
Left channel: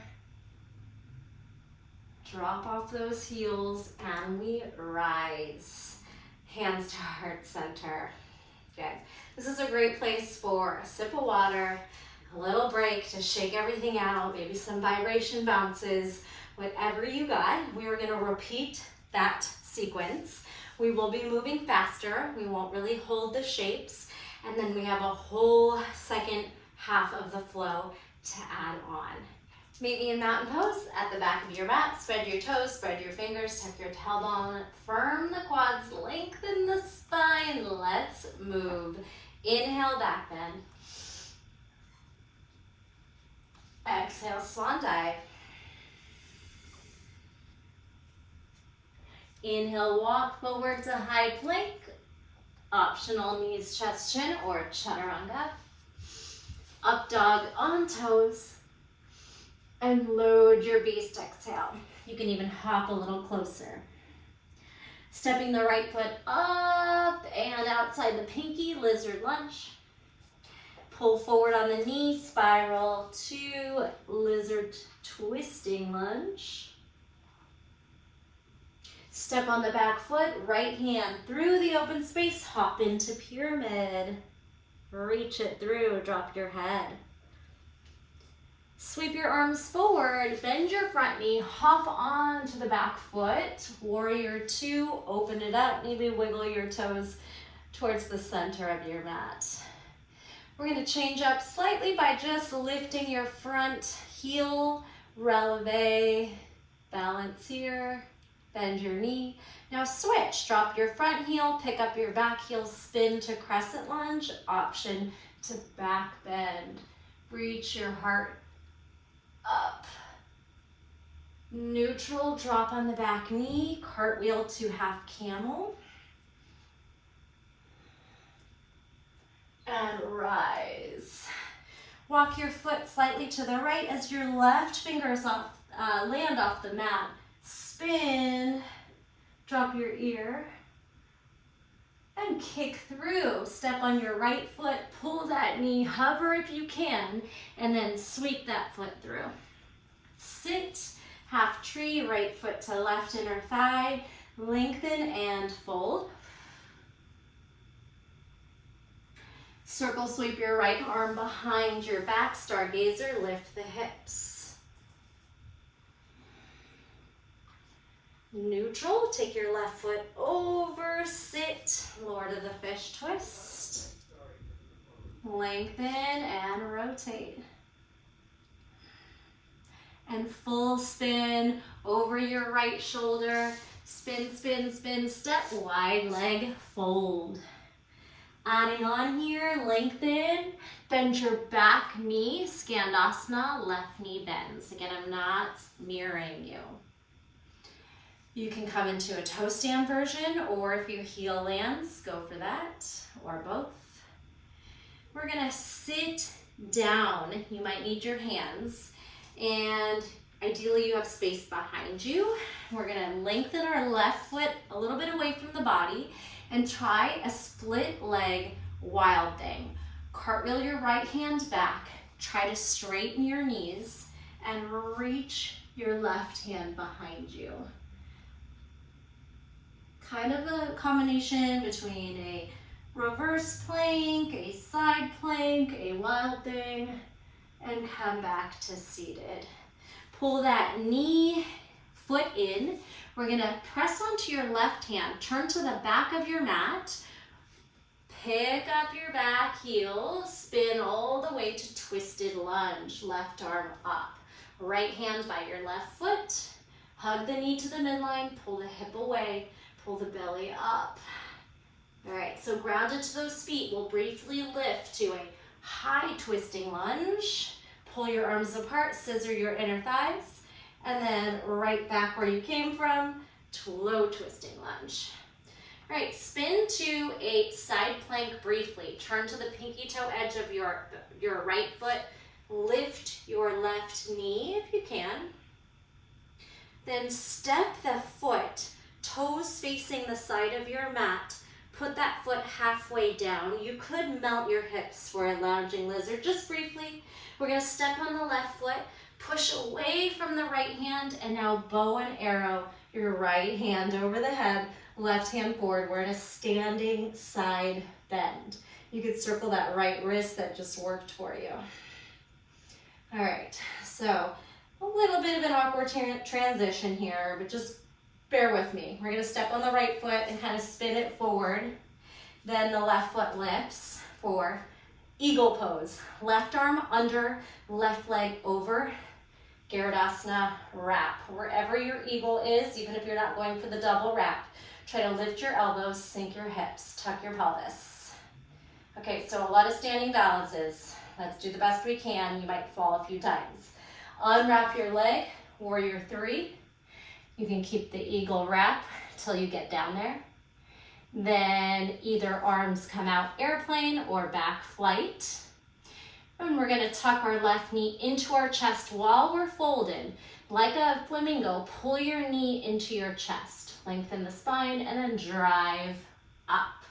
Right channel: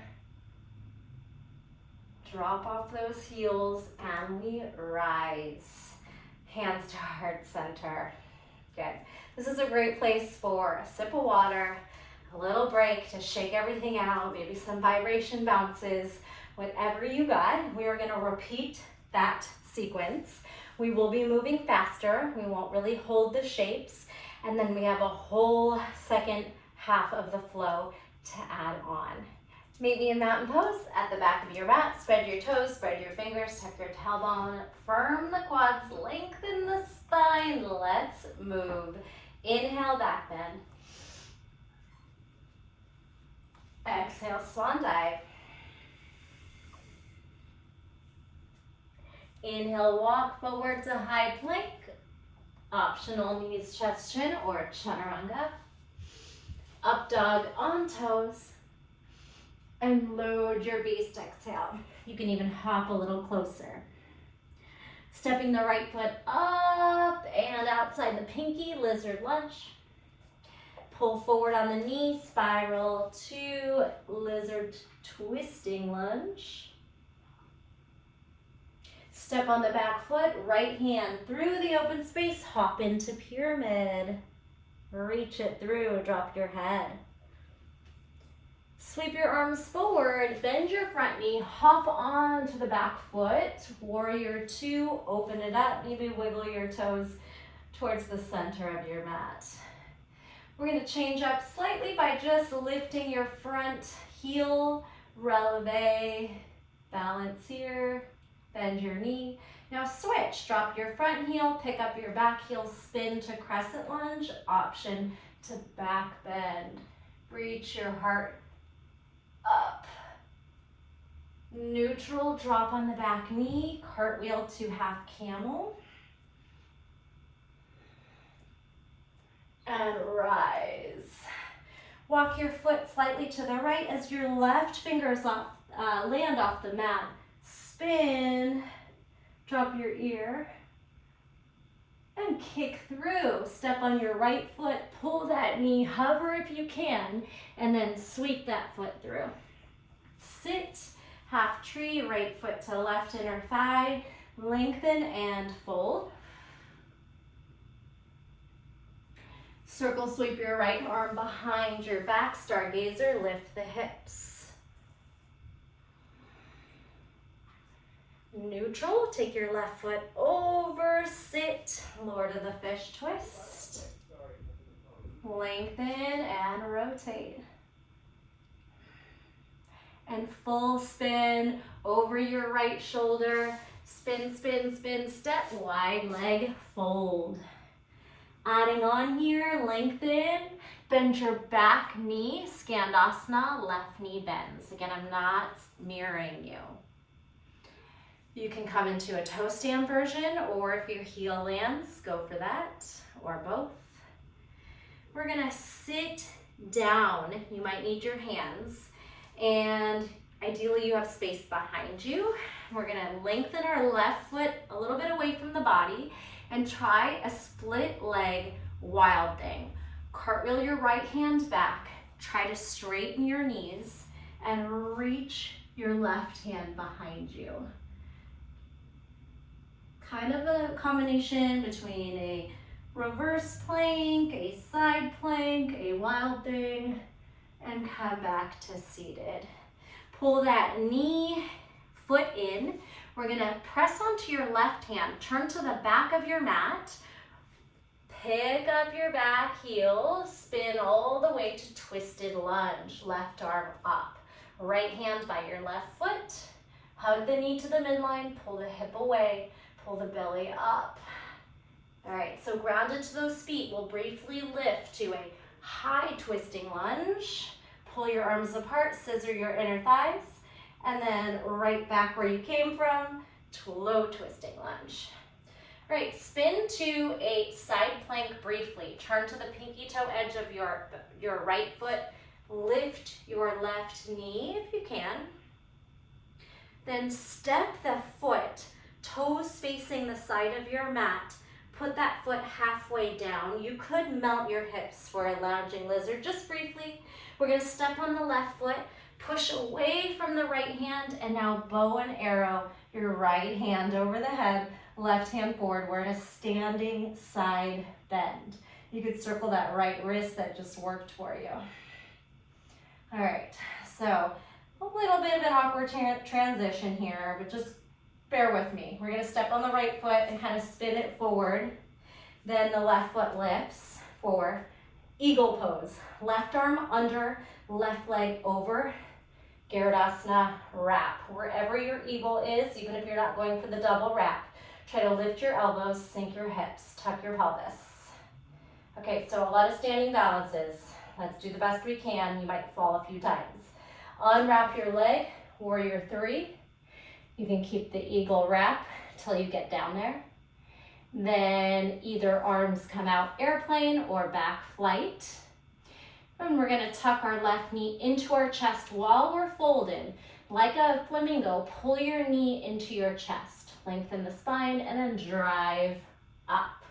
Drop off those heels and we rise. Hands to heart center. Good. This is a great place for a sip of water, a little break to shake everything out, maybe some vibration bounces, whatever you got. We are gonna repeat that sequence. We will be moving faster. We won't really hold the shapes. And then we have a whole second half of the flow to add on. Meet me in mountain pose at the back of your mat. Spread your toes, spread your fingers, tuck your tailbone, firm the quads, lengthen the spine. Let's move. Inhale, back bend. Exhale, swan dive. Inhale, walk forward to high plank. Optional knees, chest, chin, or chaturanga. Up dog on toes. And load your beast exhale. You can even hop a little closer. Stepping the right foot up and outside the pinky, lizard lunge. Pull forward on the knee, spiral to lizard twisting lunge. Step on the back foot, right hand through the open space, hop into pyramid. Reach it through, drop your head. Sweep your arms forward, bend your front knee, hop onto the back foot. Warrior two, open it up, maybe wiggle your toes towards the center of your mat. We're gonna change up slightly by just lifting your front heel, releve, balance here, bend your knee. Now switch, drop your front heel, pick up your back heel, spin to crescent lunge, option to back bend. Reach your heart up. Neutral, drop on the back knee, cartwheel to half camel. And rise. Walk your foot slightly to the right as your left fingers land off the mat. Spin, drop your ear, and kick through. Step on your right foot, pull that knee, hover if you can, and then sweep that foot through. Sit, half tree, right foot to left inner thigh, lengthen and fold. Circle sweep your right arm behind your back, stargazer, lift the hips. Neutral, take your left foot over, sit, Lord of the Fish twist. Lengthen and rotate. And full spin over your right shoulder. Spin, spin, spin, step, wide leg, fold. Adding on here, lengthen, bend your back knee, Skandasana, left knee bends. Again, I'm not mirroring you. You can come into a toe stand version, or if your heel lands, go for that, or both. We're gonna sit down. You might need your hands, and ideally you have space behind you. We're gonna lengthen our left foot a little bit away from the body and try a split leg wild thing. Cartwheel your right hand back, try to straighten your knees, and reach your left hand behind you. Kind of a combination between a reverse plank, a side plank, a wild thing, and come back to seated. Pull that knee, foot in. We're gonna press onto your left hand, turn to the back of your mat, pick up your back heel, spin all the way to twisted lunge, left arm up. Right hand by your left foot, hug the knee to the midline, pull the hip away, pull the belly up. All right, so grounded to those feet, we'll briefly lift to a high twisting lunge. Pull your arms apart, scissor your inner thighs, and then right back where you came from to low twisting lunge. Right, spin to a side plank briefly. Turn to the pinky toe edge of your right foot. Lift your left knee if you can. Then step the foot, toes facing the side of your mat. Put that foot halfway down. You could mount your hips for a lounging lizard just briefly. We're gonna step on the left foot, push away from the right hand, and now bow and arrow your right hand over the head, left hand forward. We're in a standing side bend. You could circle that right wrist that just worked for you. All right, so a little bit of an awkward transition here, but just bear with me. We're gonna step on the right foot and kind of spin it forward. Then the left foot lifts for eagle pose. Left arm under, left leg over. Garudasana wrap. Wherever your eagle is, even if you're not going for the double wrap, try to lift your elbows, sink your hips, tuck your pelvis. Okay, so a lot of standing balances. Let's do the best we can. You might fall a few times. Unwrap your leg, warrior three. You can keep the eagle wrap till you get down there. Then either arms come out airplane or back flight. And we're gonna tuck our left knee into our chest while we're folded. Like a flamingo, pull your knee into your chest. Lengthen the spine and then drive up.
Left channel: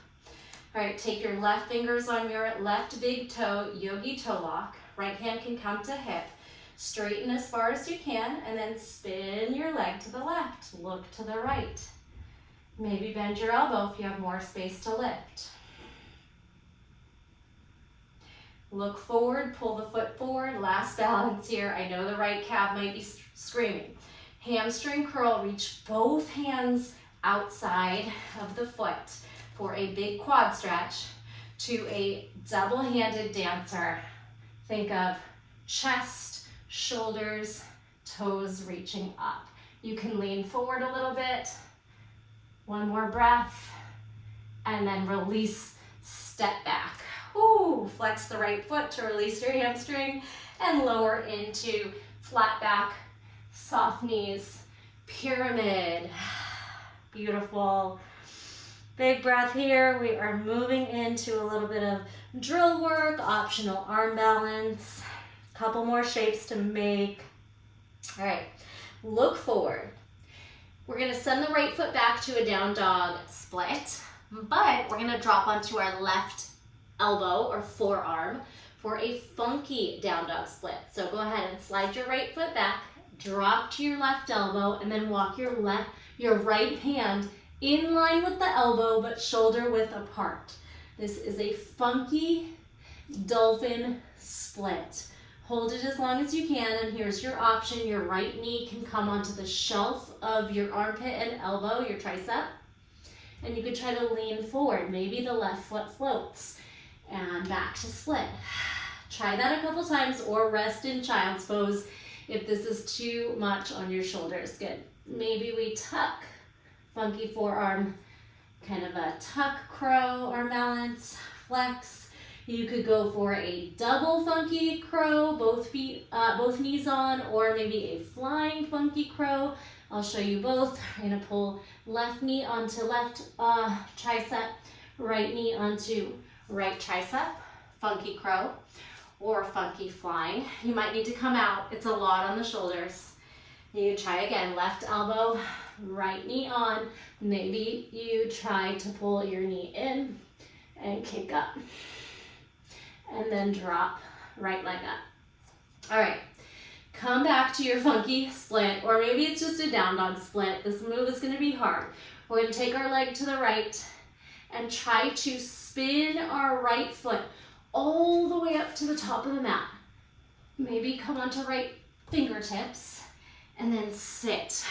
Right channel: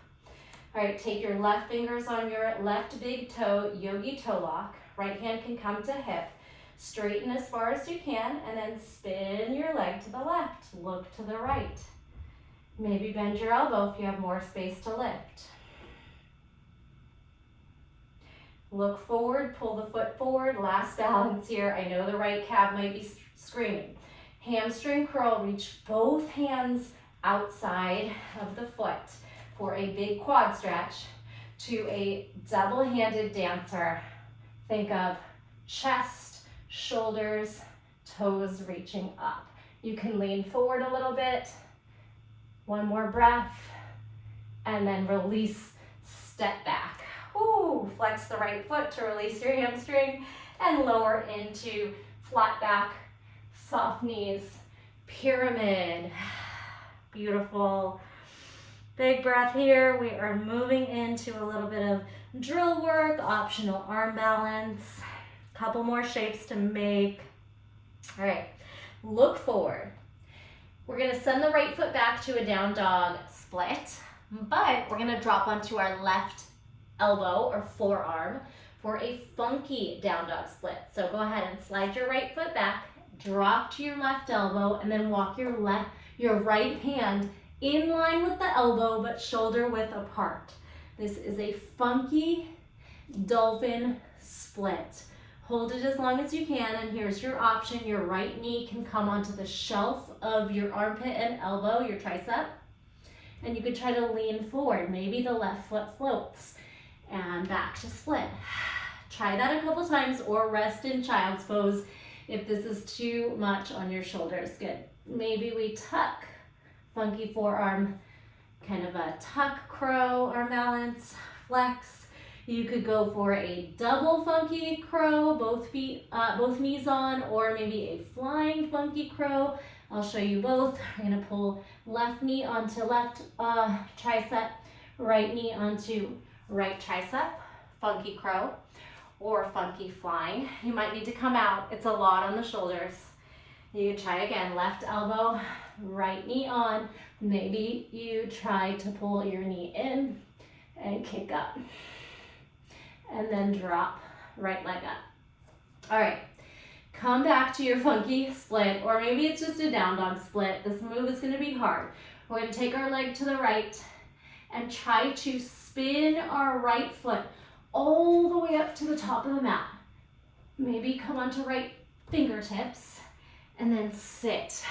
All right, take your left fingers on your left big toe, yogi toe lock. Right hand can come to hip. Straighten as far as you can and then spin your leg to the left. Look to the right. Maybe bend your elbow if you have more space to lift. Look forward, pull the foot forward. Last balance here. I know the right calf might be screaming. Hamstring curl, reach both hands outside of the foot for a big quad stretch to a double-handed dancer. Think of chest, shoulders, toes reaching up. You can lean forward a little bit. One more breath, and then release, step back. Ooh, flex the right foot to release your hamstring and lower into flat back, soft knees, pyramid. Beautiful. Big breath here. We are moving into a little bit of drill work, optional arm balance. Couple more shapes to make. All right, look forward. We're gonna send the right foot back to a down dog split. but we're gonna drop onto our left elbow or forearm for a funky down dog split. So go ahead and slide your right foot back, drop to your left elbow, and then walk your right hand in line with the elbow, but shoulder width apart. This is a funky dolphin split. Hold it as long as you can, and here's your option. Your right knee can come onto the shelf of your armpit and elbow, your tricep, and you could try to lean forward. Maybe the left foot floats, and back to split. Try that a couple times, or rest in child's pose if this is too much on your shoulders. Good. Maybe we tuck, funky forearm, kind of a tuck crow or balance, flex. You could go for a double funky crow, both feet, both knees on, or maybe a flying funky crow. I'll show you both. We're gonna pull left knee onto left tricep, right knee onto right tricep, funky crow, or funky flying. You might need to come out. It's a lot on the shoulders. You try again, left elbow, right knee on. Maybe you try to pull your knee in and kick up. And then drop, right leg up. All right, come back to your funky split, or maybe it's just a down dog split. This move is gonna be hard. We're gonna take our leg to the right and try to spin our right foot all the way up to the top of the mat. Maybe come onto right fingertips and then sit.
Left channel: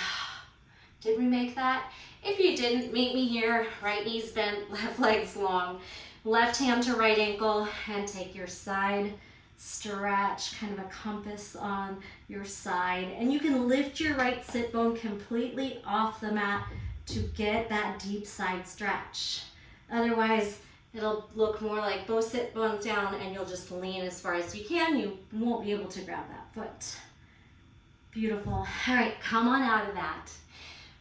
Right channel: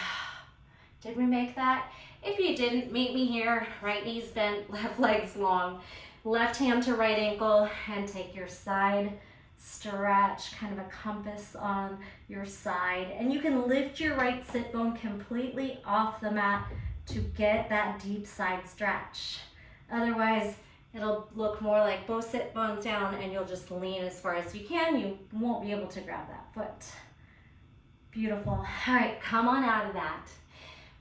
Did we make that? If you didn't, meet me here. Right knee's bent, left leg's long. Left hand to right ankle, and take your side stretch, kind of a compass on your side. And you can lift your right sit bone completely off the mat to get that deep side stretch. Otherwise, it'll look more like both sit bones down, and you'll just lean as far as you can. You won't be able to grab that foot. Beautiful. All right, come on out of that.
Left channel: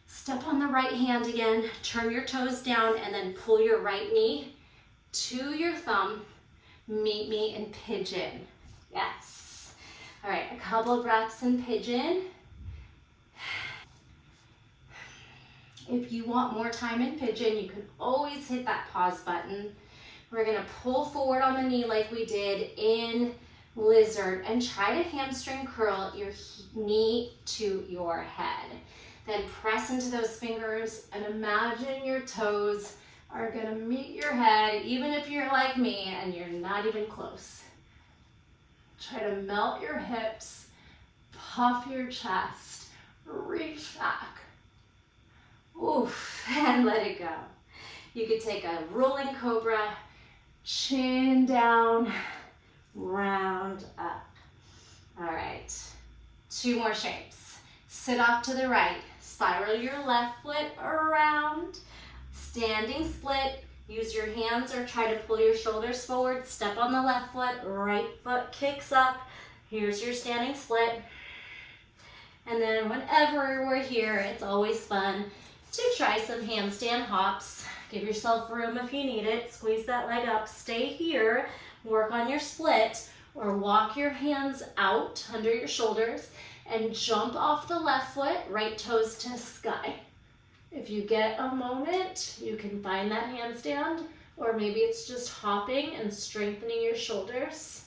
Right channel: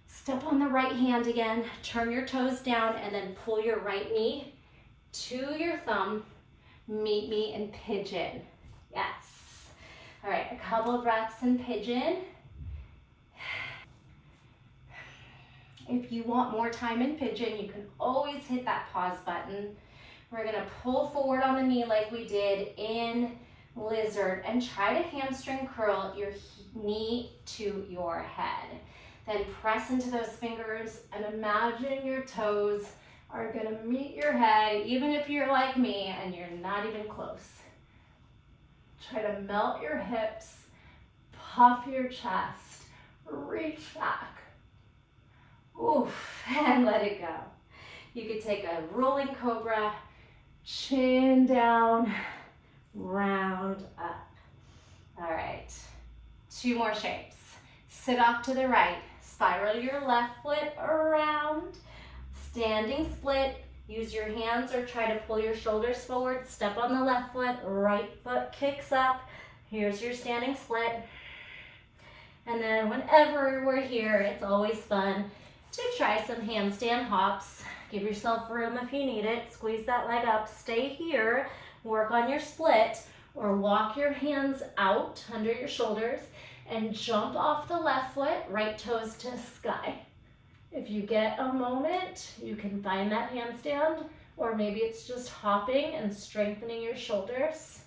Step on the right hand again, turn your toes down, and then pull your right knee to your thumb. Meet me in pigeon. Yes. All right, a couple of breaths in pigeon. If you want more time in pigeon, you can always hit that pause button. We're gonna pull forward on the knee like we did in lizard, and try to hamstring curl your knee to your head. Then press into those fingers and imagine your toes are gonna meet your head, even if you're like me and you're not even close. Try to melt your hips, puff your chest, reach back. Oof, and let it go. You could take a rolling cobra, chin down, round up. All right, 2 more shapes. Sit off to the right, spiral your left foot around, standing split. Use your hands or try to pull your shoulders forward. Step on the left foot, right foot kicks up. Here's your standing split. And then whenever we're here, it's always fun to try some handstand hops. Give yourself room if you need it. Squeeze that leg up, stay here, work on your split, or walk your hands out under your shoulders and jump off the left foot, right toes to the sky. If you get a moment, you can find that handstand, or maybe it's just hopping and strengthening your shoulders.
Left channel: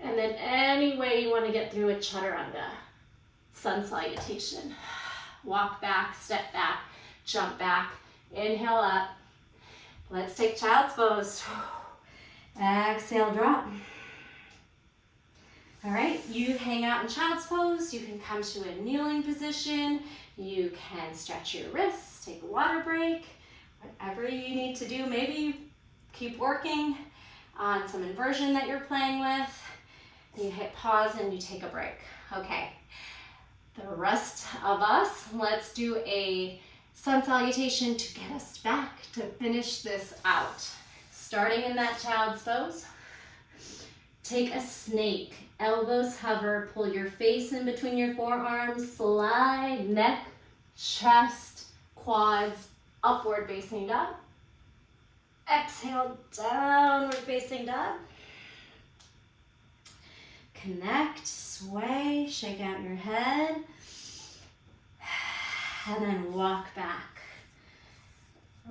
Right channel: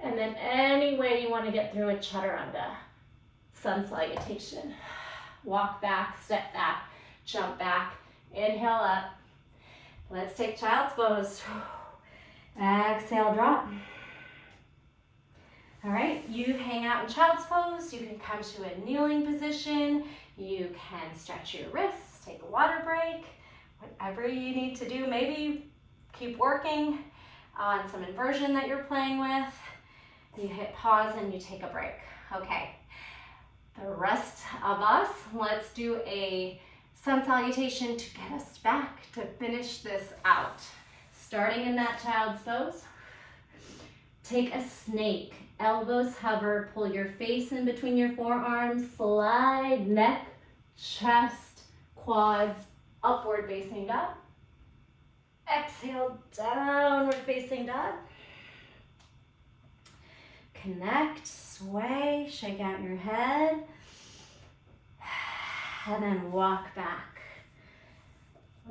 And then any way you want to get through a chaturanga, sun salutation. Walk back, step back, jump back, inhale up. Let's take child's pose. Exhale, drop. All right, you hang out in child's pose. You can come to a kneeling position. You can stretch your wrists, take a water break, whatever you need to do. Maybe keep working on some inversion that you're playing with. You hit pause and you take a break. Okay, the rest of us, let's do a sun salutation to get us back to finish this out. Starting in that child's pose, take a snake. Elbows hover, pull your face in between your forearms, slide neck, chest, quads, upward facing dog. Exhale, downward facing dog. Connect, sway, shake out your head. and then walk back.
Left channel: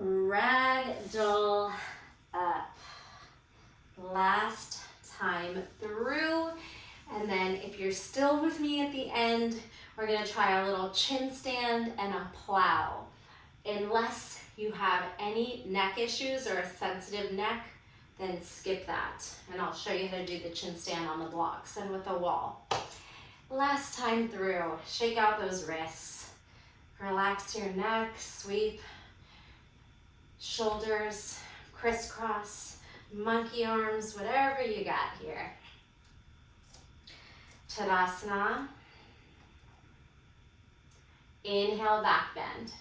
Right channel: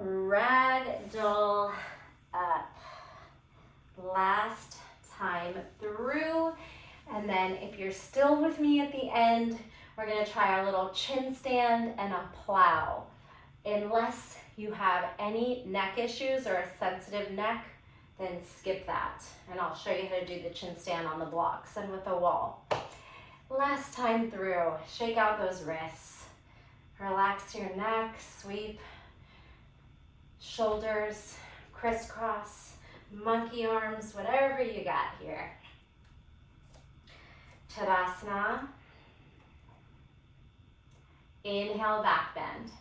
Ragdoll up. Last time through. And then if you're still with me at the end, we're gonna try a little chin stand and a plow. Unless you have any neck issues or a sensitive neck, then skip that. And I'll show you how to do the chin stand on the blocks and with a wall. Last time through, shake out those wrists. Relax your neck, sweep. Shoulders, crisscross, monkey arms, whatever you got here. Tadasana. Inhale, back bend.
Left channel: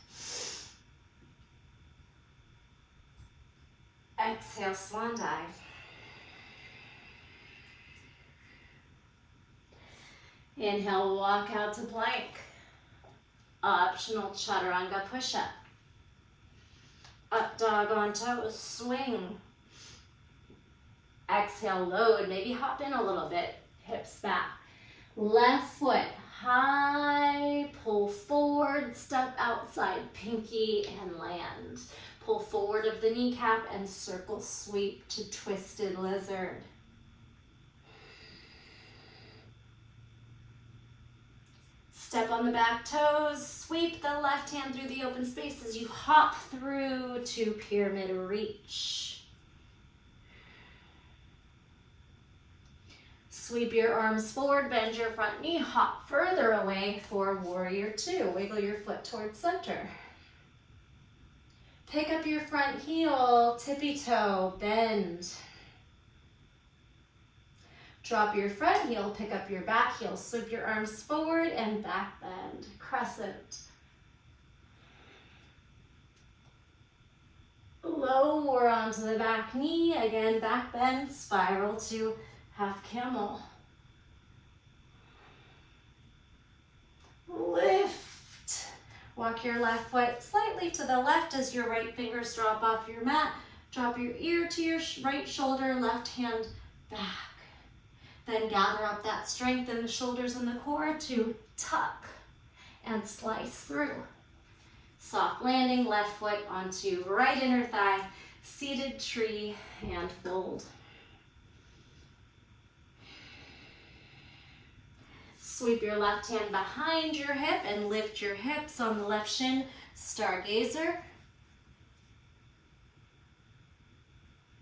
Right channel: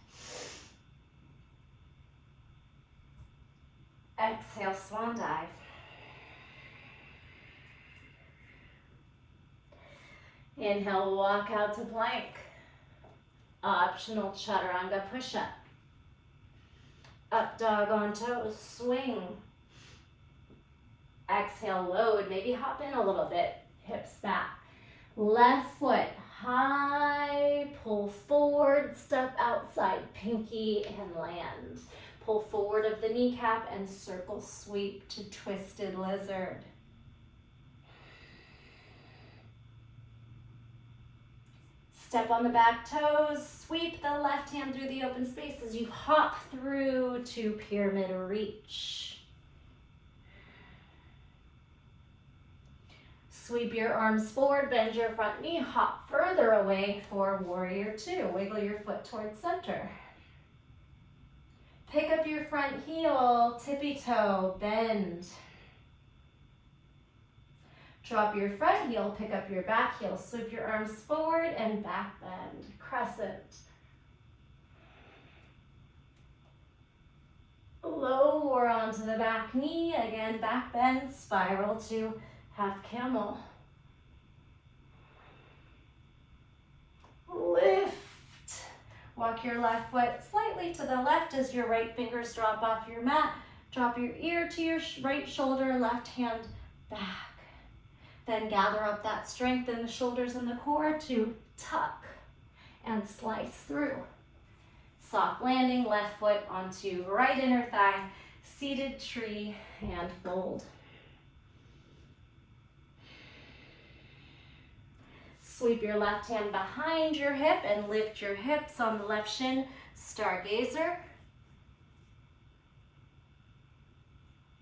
Exhale, swan dive. Inhale, walk out to plank. Optional chaturanga push-up. Up dog on toes, swing. Exhale, load, maybe hop in a little bit, hips back. Left foot high, pull forward, step outside, pinky and land. Pull forward of the kneecap and circle sweep to twisted lizard. Step on the back toes, sweep the left hand through the open space as you hop through to pyramid reach. Sweep your arms forward, bend your front knee, hop further away for warrior two. Wiggle your foot towards center. Pick up your front heel, tippy toe, bend. Drop your front heel, pick up your back heel, sweep your arms forward and back bend, crescent. Lower onto the back knee, again back bend, spiral to half camel. Lift. Walk your left foot slightly to the left as your right fingers drop off your mat. Drop your ear to your right shoulder, left hand back. Then gather up that strength in the shoulders and the core to tuck and slice through. Soft landing, left foot onto right inner thigh, seated tree and fold. Sweep your left hand behind your hip and lift your hips on the left shin, stargazer.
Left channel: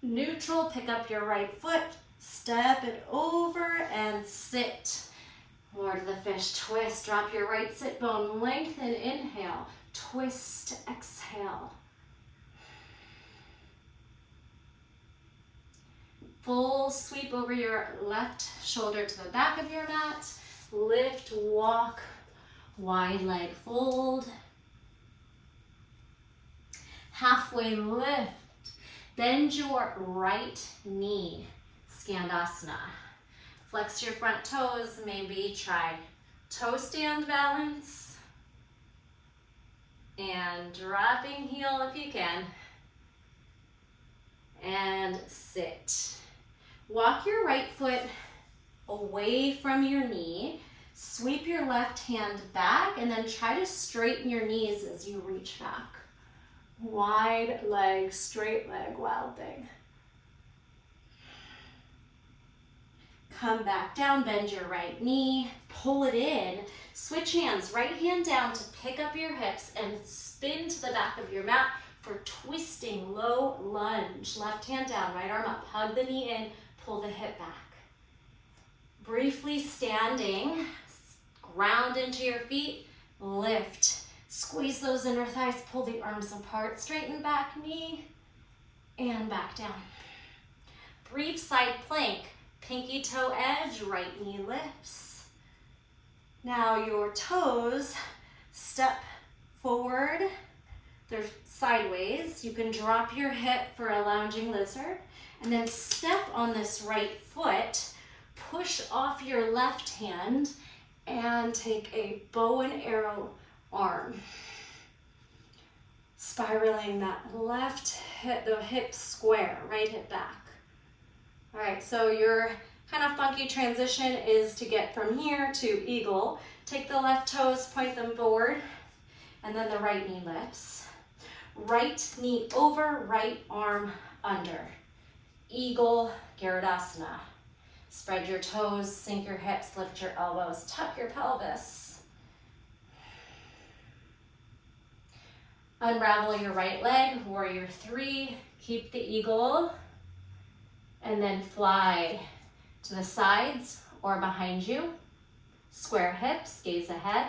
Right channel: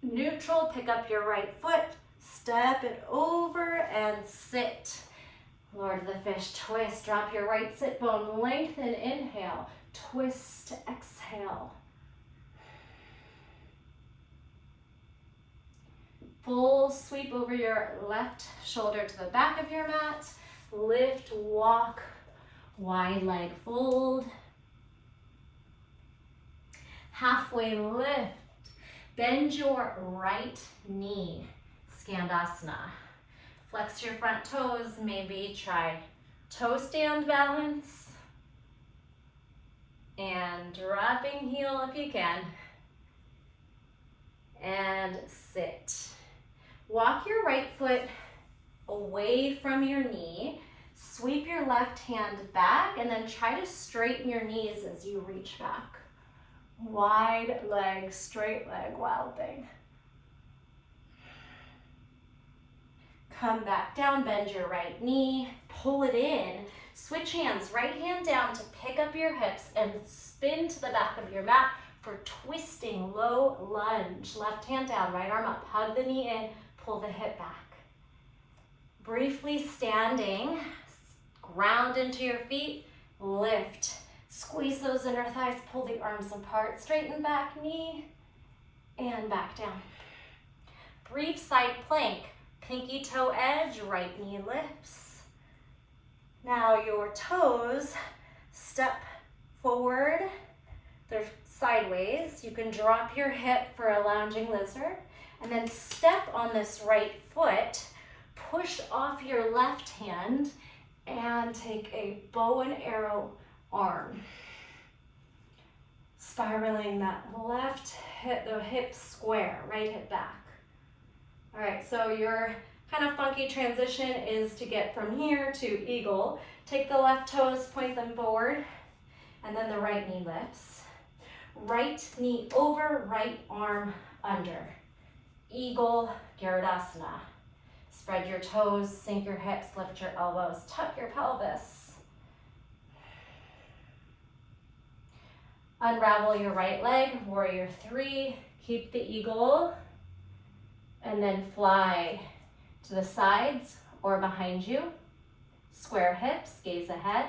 Neutral, pick up your right foot, step it over and sit. Lord of the fish, twist, drop your right sit bone, lengthen, inhale, twist, exhale. Full sweep over your left shoulder to the back of your mat. Lift, walk, wide leg fold. Halfway lift. Bend your right knee, Skandasana. Flex your front toes, maybe try toe stand balance. And dropping heel if you can. And sit. Walk your right foot away from your knee. Sweep your left hand back and then try to straighten your knees as you reach back. Wide leg, straight leg, wild thing. Come back down, bend your right knee, pull it in. Switch hands, right hand down to pick up your hips and spin to the back of your mat for twisting low lunge. Left hand down, right arm up, hug the knee in, pull the hip back. Briefly standing, ground into your feet, lift. Squeeze those inner thighs, pull the arms apart, straighten back knee, and back down. Brief side plank, pinky toe edge, right knee lifts. Now your toes step forward, they're sideways. You can drop your hip for a lounging lizard, and then step on this right foot, push off your left hand, and take a bow and arrow arm. Spiraling that left hip, the hip square, right hip back. All right, so your kind of funky transition is to get from here to eagle. Take the left toes, point them forward, and then the right knee lifts. Right knee over, right arm under. Eagle Garudasana. Spread your toes, sink your hips, lift your elbows, tuck your pelvis. Unravel your right leg, warrior three. Keep the eagle, and then fly to the sides or behind you. Square hips, gaze ahead.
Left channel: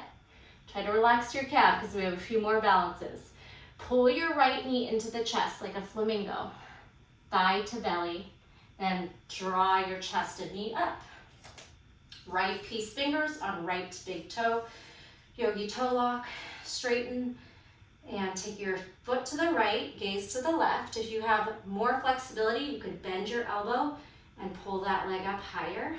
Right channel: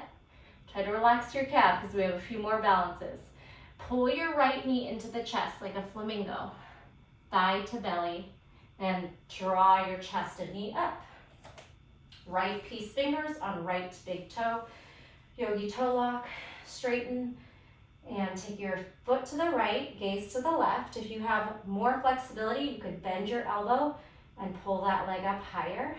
Try to relax your calf because we have a few more balances. Pull your right knee into the chest like a flamingo. Thigh to belly. Then draw your chest and knee up. Right peace fingers on right big toe. Yogi toe lock. Straighten and take your foot to the right, gaze to the left. If you have more flexibility, you could bend your elbow and pull that leg up higher.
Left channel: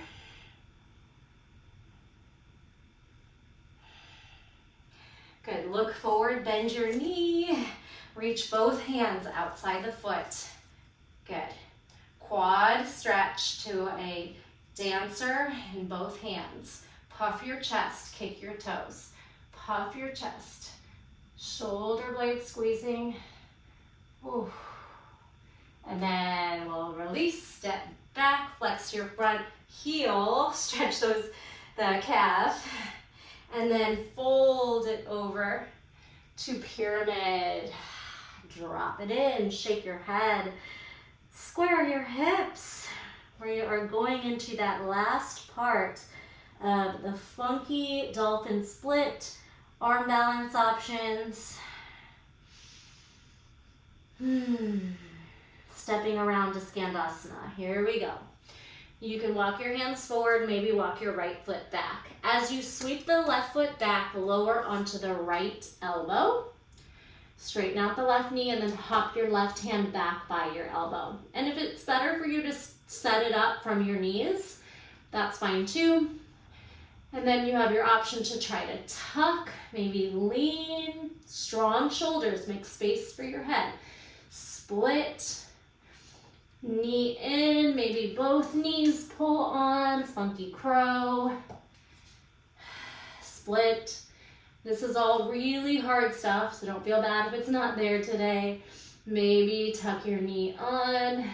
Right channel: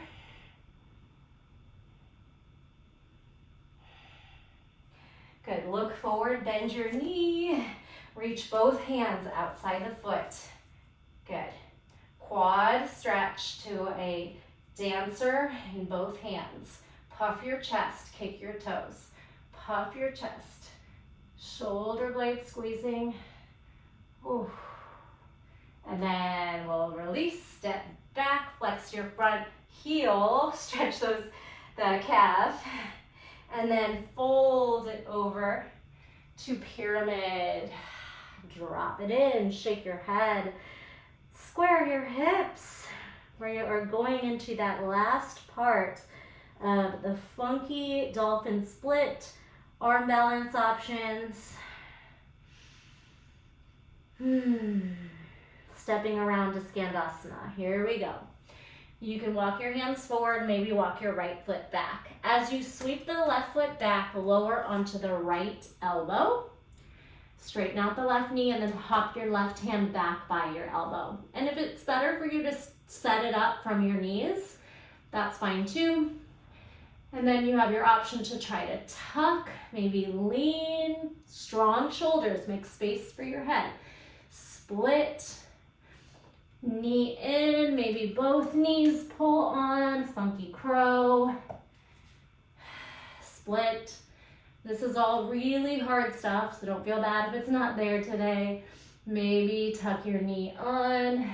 Good, look forward, bend your knee. Reach both hands outside the foot. Good. Quad stretch to a dancer in both hands. Puff your chest, kick your toes. Puff your chest. Shoulder blades squeezing. Ooh. And then we'll release, step back, flex your front heel, stretch the calf, and then fold it over to pyramid. Drop it in, shake your head, square your hips. We are going into that last part of the funky dolphin split, arm balance options. Stepping around to Skandasana. Here we go. You can walk your hands forward, maybe walk your right foot back. As you sweep the left foot back, lower onto the right elbow. Straighten out the left knee and then hop your left hand back by your elbow. And if it's better for you to set it up from your knees, that's fine too. And then you have your option to try to tuck, maybe lean, strong shoulders, make space for your head. Split, knee in, maybe both knees pull on, funky crow. Split. This is all really hard stuff, so don't feel bad if it's not there today. Maybe tuck your knee on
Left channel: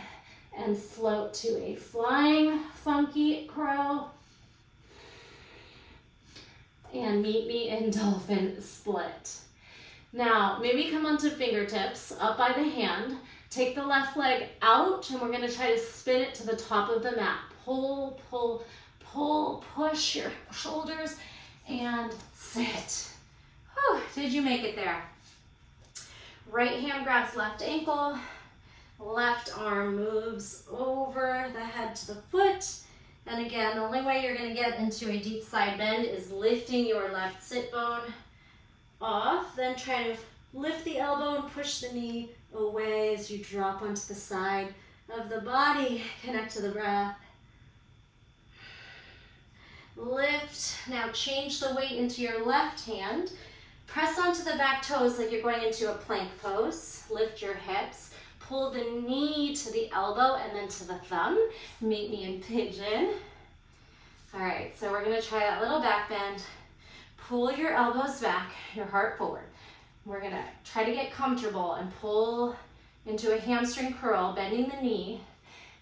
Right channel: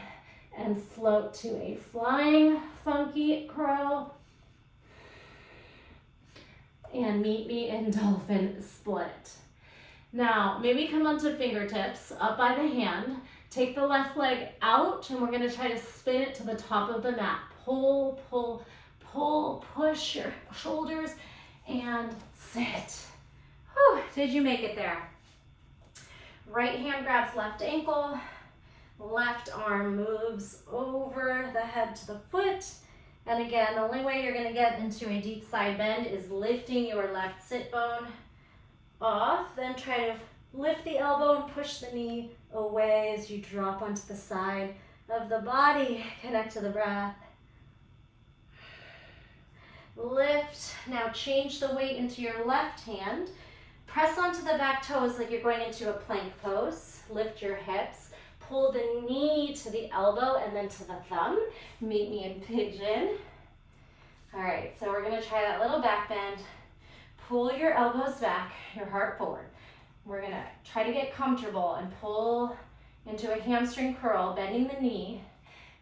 and float to a flying funky crow. And meet me in dolphin split. Now, maybe come onto fingertips up by the hand. Take the left leg out, and we're gonna try to spin it to the top of the mat. Pull, pull, pull, push your shoulders, and sit. Whew, did you make it there? Right hand grabs left ankle, left arm moves over the head to the foot. And again, the only way you're gonna get into a deep side bend is lifting your left sit bone off, then try to lift the elbow and push the knee away as you drop onto the side of the body. Connect to the breath. Lift. Now change the weight into your left hand. Press onto the back toes like you're going into a plank pose. Lift your hips. Pull the knee to the elbow and then to the thumb. Meet me in pigeon. All right, so we're gonna try that little back bend. Pull your elbows back, your heart forward. We're gonna try to get comfortable and pull into a hamstring curl, bending the knee,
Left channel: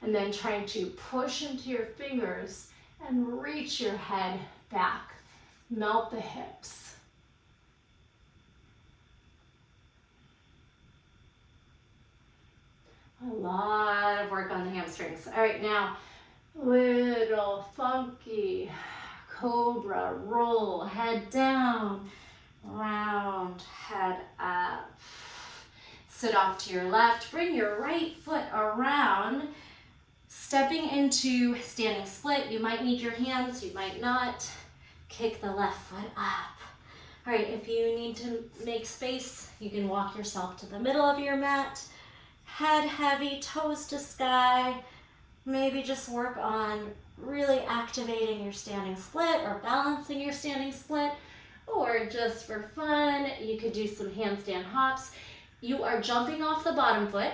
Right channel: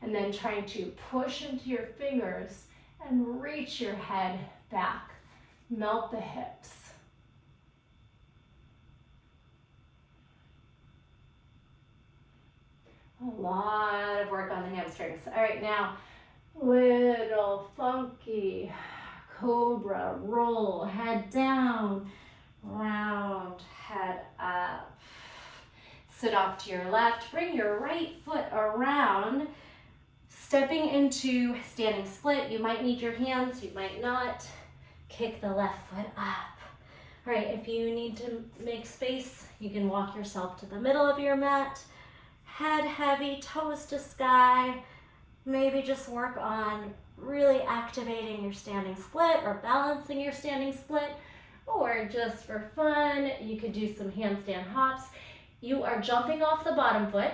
and then trying to push into your fingers and reach your head back. Melt the hips. A lot of work on the hamstrings. All right, now, little funky cobra roll, head down, round, head up. Sit off to your left, bring your right foot around, stepping into standing split. You might need your hands, you might not. Kick the left foot up. All right, if you need to make space, you can walk yourself to the middle of your mat. Head heavy, toes to sky. Maybe just work on really activating your standing split or balancing your standing split, or just for fun, you could do some handstand hops. You are jumping off the bottom foot.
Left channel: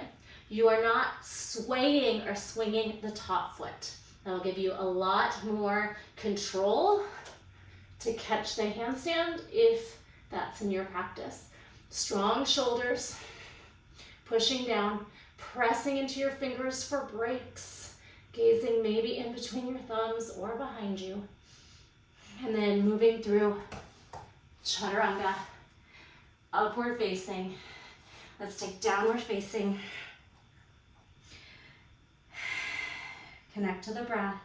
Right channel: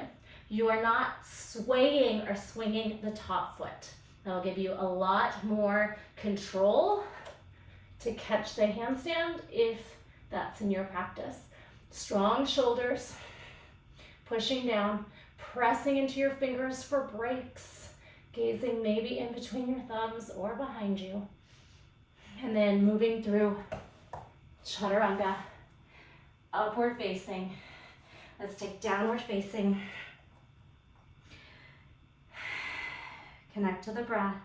You are not swaying or swinging the top foot. That'll give you a lot more control to catch the handstand if that's in your practice. Strong shoulders, pushing down, pressing into your fingers for breaks, gazing maybe in between your thumbs or behind you. And then moving through chaturanga, upward facing. Let's take downward facing. Connect to the breath.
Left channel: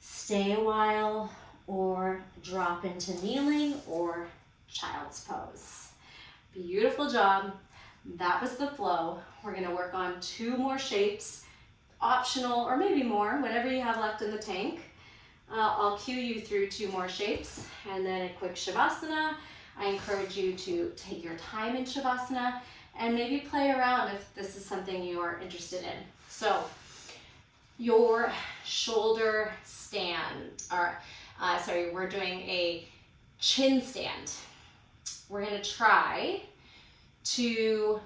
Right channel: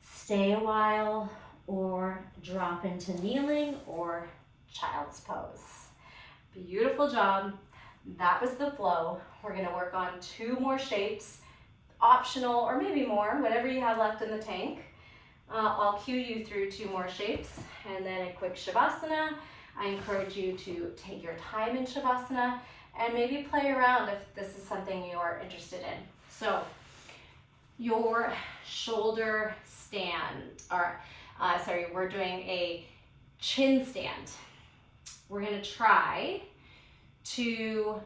Stay a while or drop into kneeling or child's pose. Beautiful job. That was the flow. We're gonna work on 2 more shapes, optional or maybe more, whatever you have left in the tank. I'll cue you through 2 more shapes and then a quick shavasana. I encourage you to take your time in shavasana and maybe play around if this is something you are interested in. So your shoulder stand, we're doing a chin stand. We're gonna try to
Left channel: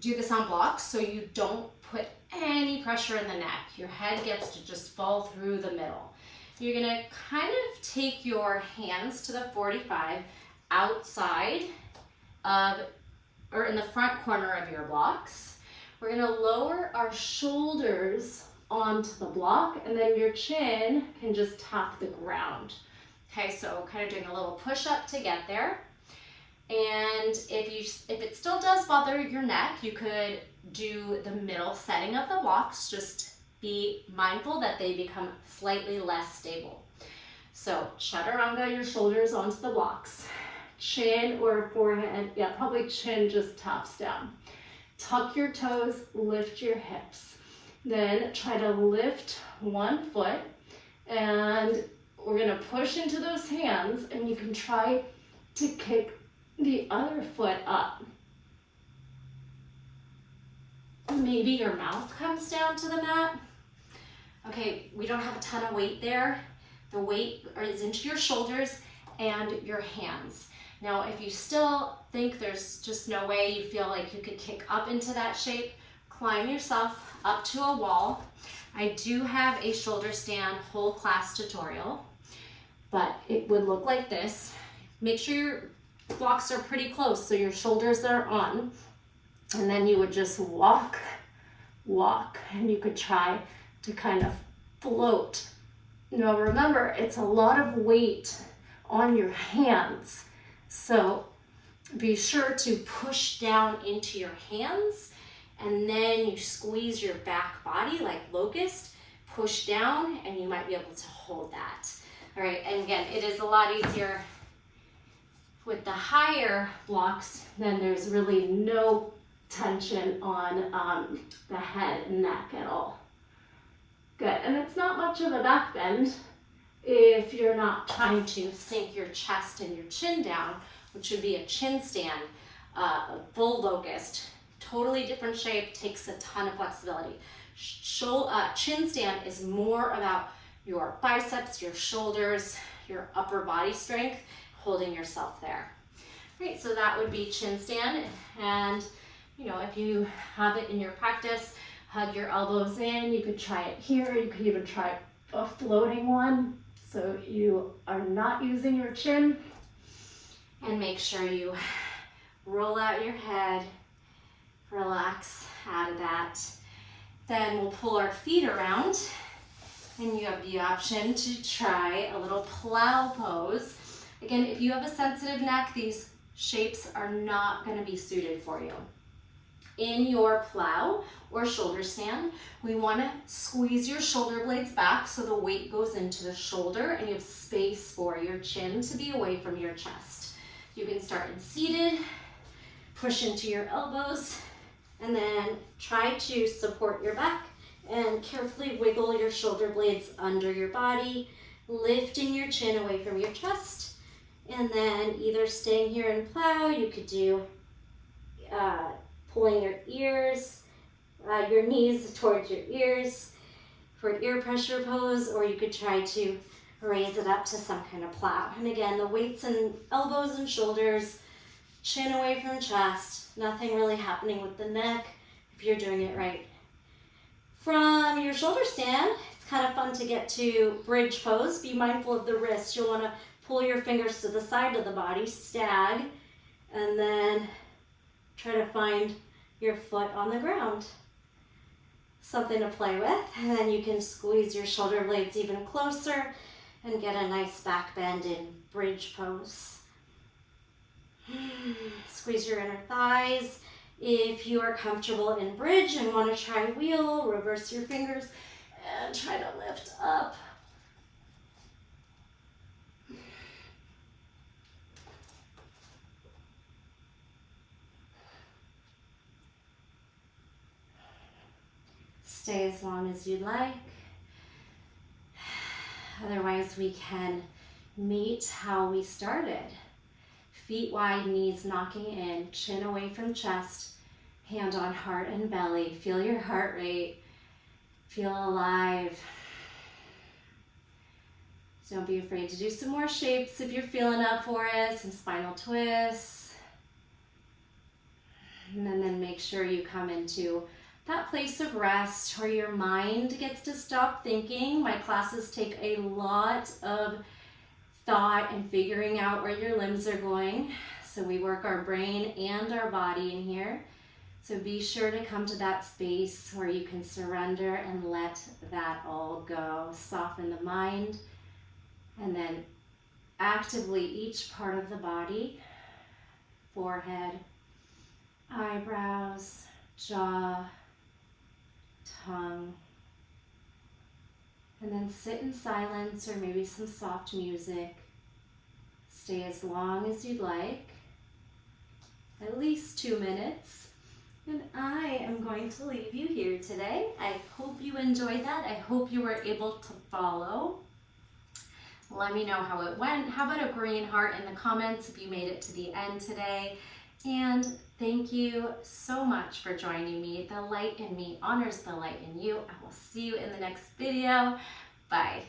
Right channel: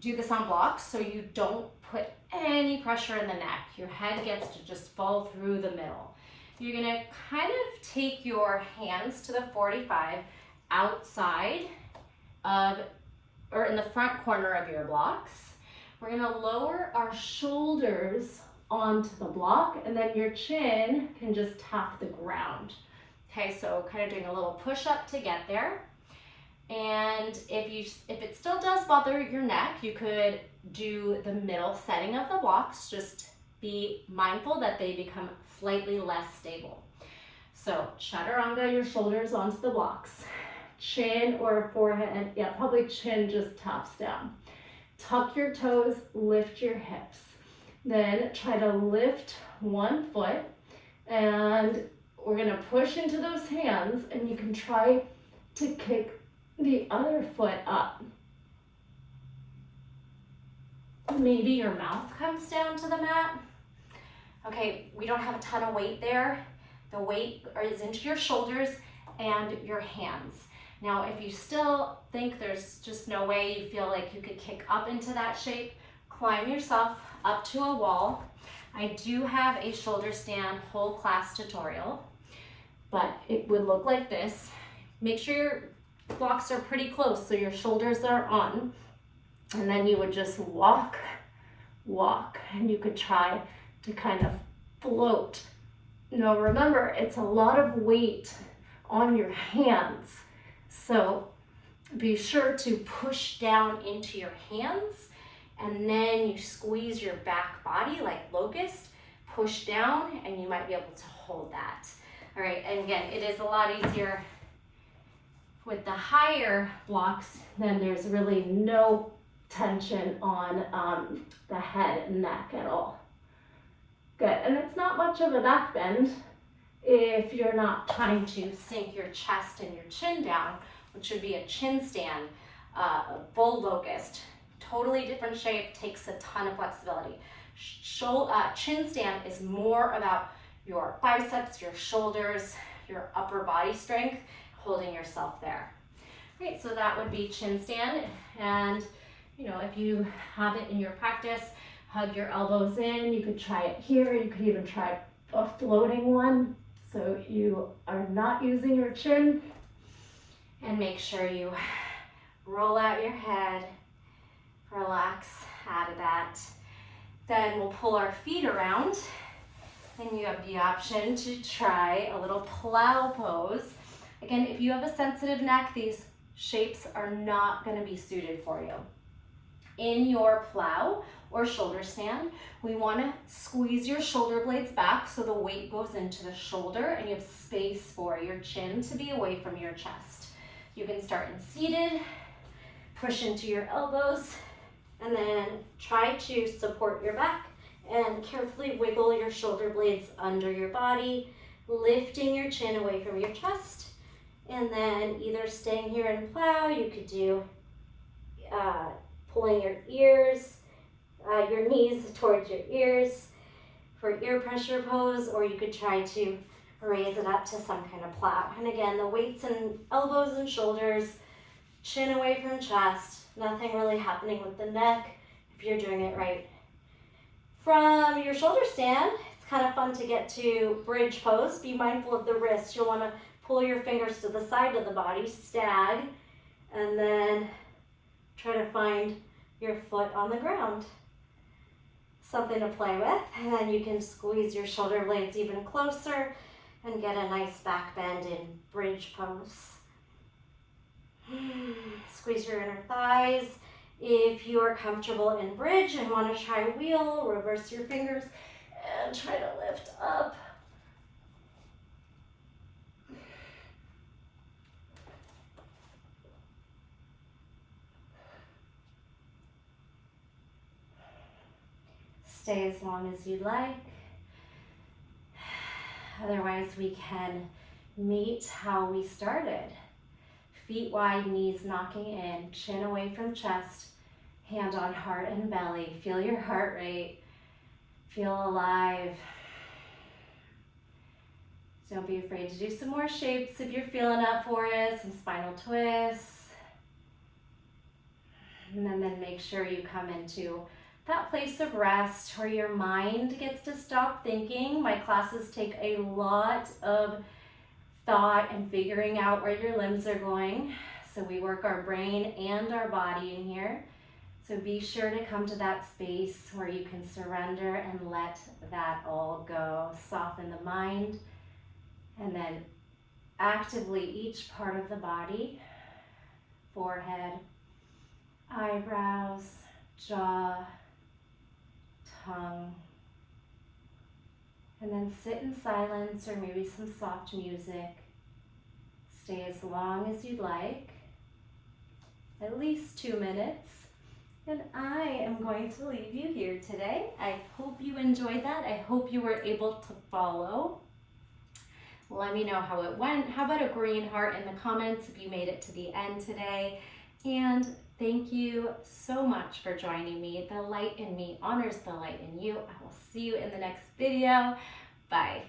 do this on blocks so you don't put any pressure in the neck. Your head gets to just fall through the middle. You're gonna kind of take your hands to the 45 outside of, or in the front corner of your blocks. We're gonna lower our shoulders onto the block and then your chin can just tap the ground. Okay, so kind of doing a little push up to get there. And if it still does bother your neck, you could do the middle setting of the blocks. Just be mindful that they become slightly less stable. So chaturanga, your shoulders onto the blocks. Chin or forehead, yeah, probably chin just taps down. Tuck your toes, lift your hips. Then try to lift one foot and we're gonna push into those hands and you can try to kick the other foot up. Maybe your mouth comes down to the mat. Okay, we don't have a ton of weight there. The weight is into your shoulders and your hands. Now, if you still think there's just no way, you feel like you could kick up into that shape, climb yourself up to a wall. I do have a shoulder stand whole class tutorial, but it would look like this. Make sure your blocks are pretty close so your shoulders are on, and then you would just walk, and you could try to kind of float. Now remember, it's a lot of weight on your hands, so be sure to push down into your hands and then you squeeze your back body like locust, push down, and you might be able to hold that. All right, and again, it is a lot easier with the higher blocks. Then there's really no tension on the head and neck at all. Good, and it's not much of a back bend if you're not trying to sink your chest and your chin down, which would be a chin stand, bull locust. Totally different shape, takes a ton of flexibility. Chin stand is more about your biceps, your shoulders, your upper body strength, holding yourself there. Great, so that would be chin stand. And if you have it in your practice, hug your elbows in. You could try it here. You could even try a floating one. So you are not using your chin. And make sure you roll out your head, relax out of that. Then we'll pull our feet around and you have the option to try a little plow pose. Again, if you have a sensitive neck, these shapes are not going to be suited for you. In your plow or shoulder stand, we want to squeeze your shoulder blades back so the weight goes into the shoulder and you have space for your chin to be away from your chest. You can start in seated, push into your elbows, and then try to support your back and carefully wiggle your shoulder blades under your body, lifting your chin away from your chest. And then either staying here in plow, you could do pulling your ears, your knees towards your ears for ear pressure pose, or you could try to raise it up to some kind of plow. And again, the weights in elbows and shoulders, chin away from chest, nothing really happening with the neck if you're doing it right. From your shoulder stand, it's kind of fun to get to bridge pose. Be mindful of the wrist. You'll want to pull your fingers to the side of the body, stag, And then try to find your foot on the ground. Something to play with, and then you can squeeze your shoulder blades even closer and get a nice back bend in bridge pose. Squeeze your inner thighs. If you are comfortable in bridge and want to try wheel, reverse your fingers and try to lift up. Stay as long as you'd like. Otherwise, we can meet how we started. Feet wide, knees knocking in, chin away from chest, hand on heart and belly. Feel your heart rate. Feel alive. Don't be afraid to do some more shapes if you're feeling up for it, some spinal twists. And then make sure you come into that place of rest where your mind gets to stop thinking. My classes take a lot of thought and figuring out where your limbs are going. So we work our brain and our body in here. So be sure to come to that space where you can surrender and let that all go. Soften the mind, and then actively each part of the body, forehead, eyebrows, jaw, tongue, and then sit in silence or maybe some soft music. Stay as long as you'd like, at least 2 minutes. And I am going to leave you here today. I hope you enjoyed that. I hope you were able to follow. Let me know how it went. How about a green heart in the comments if you made it to the end today? And thank you so much for joining me. The light in me honors the light in you. I will see you in the next video. Bye.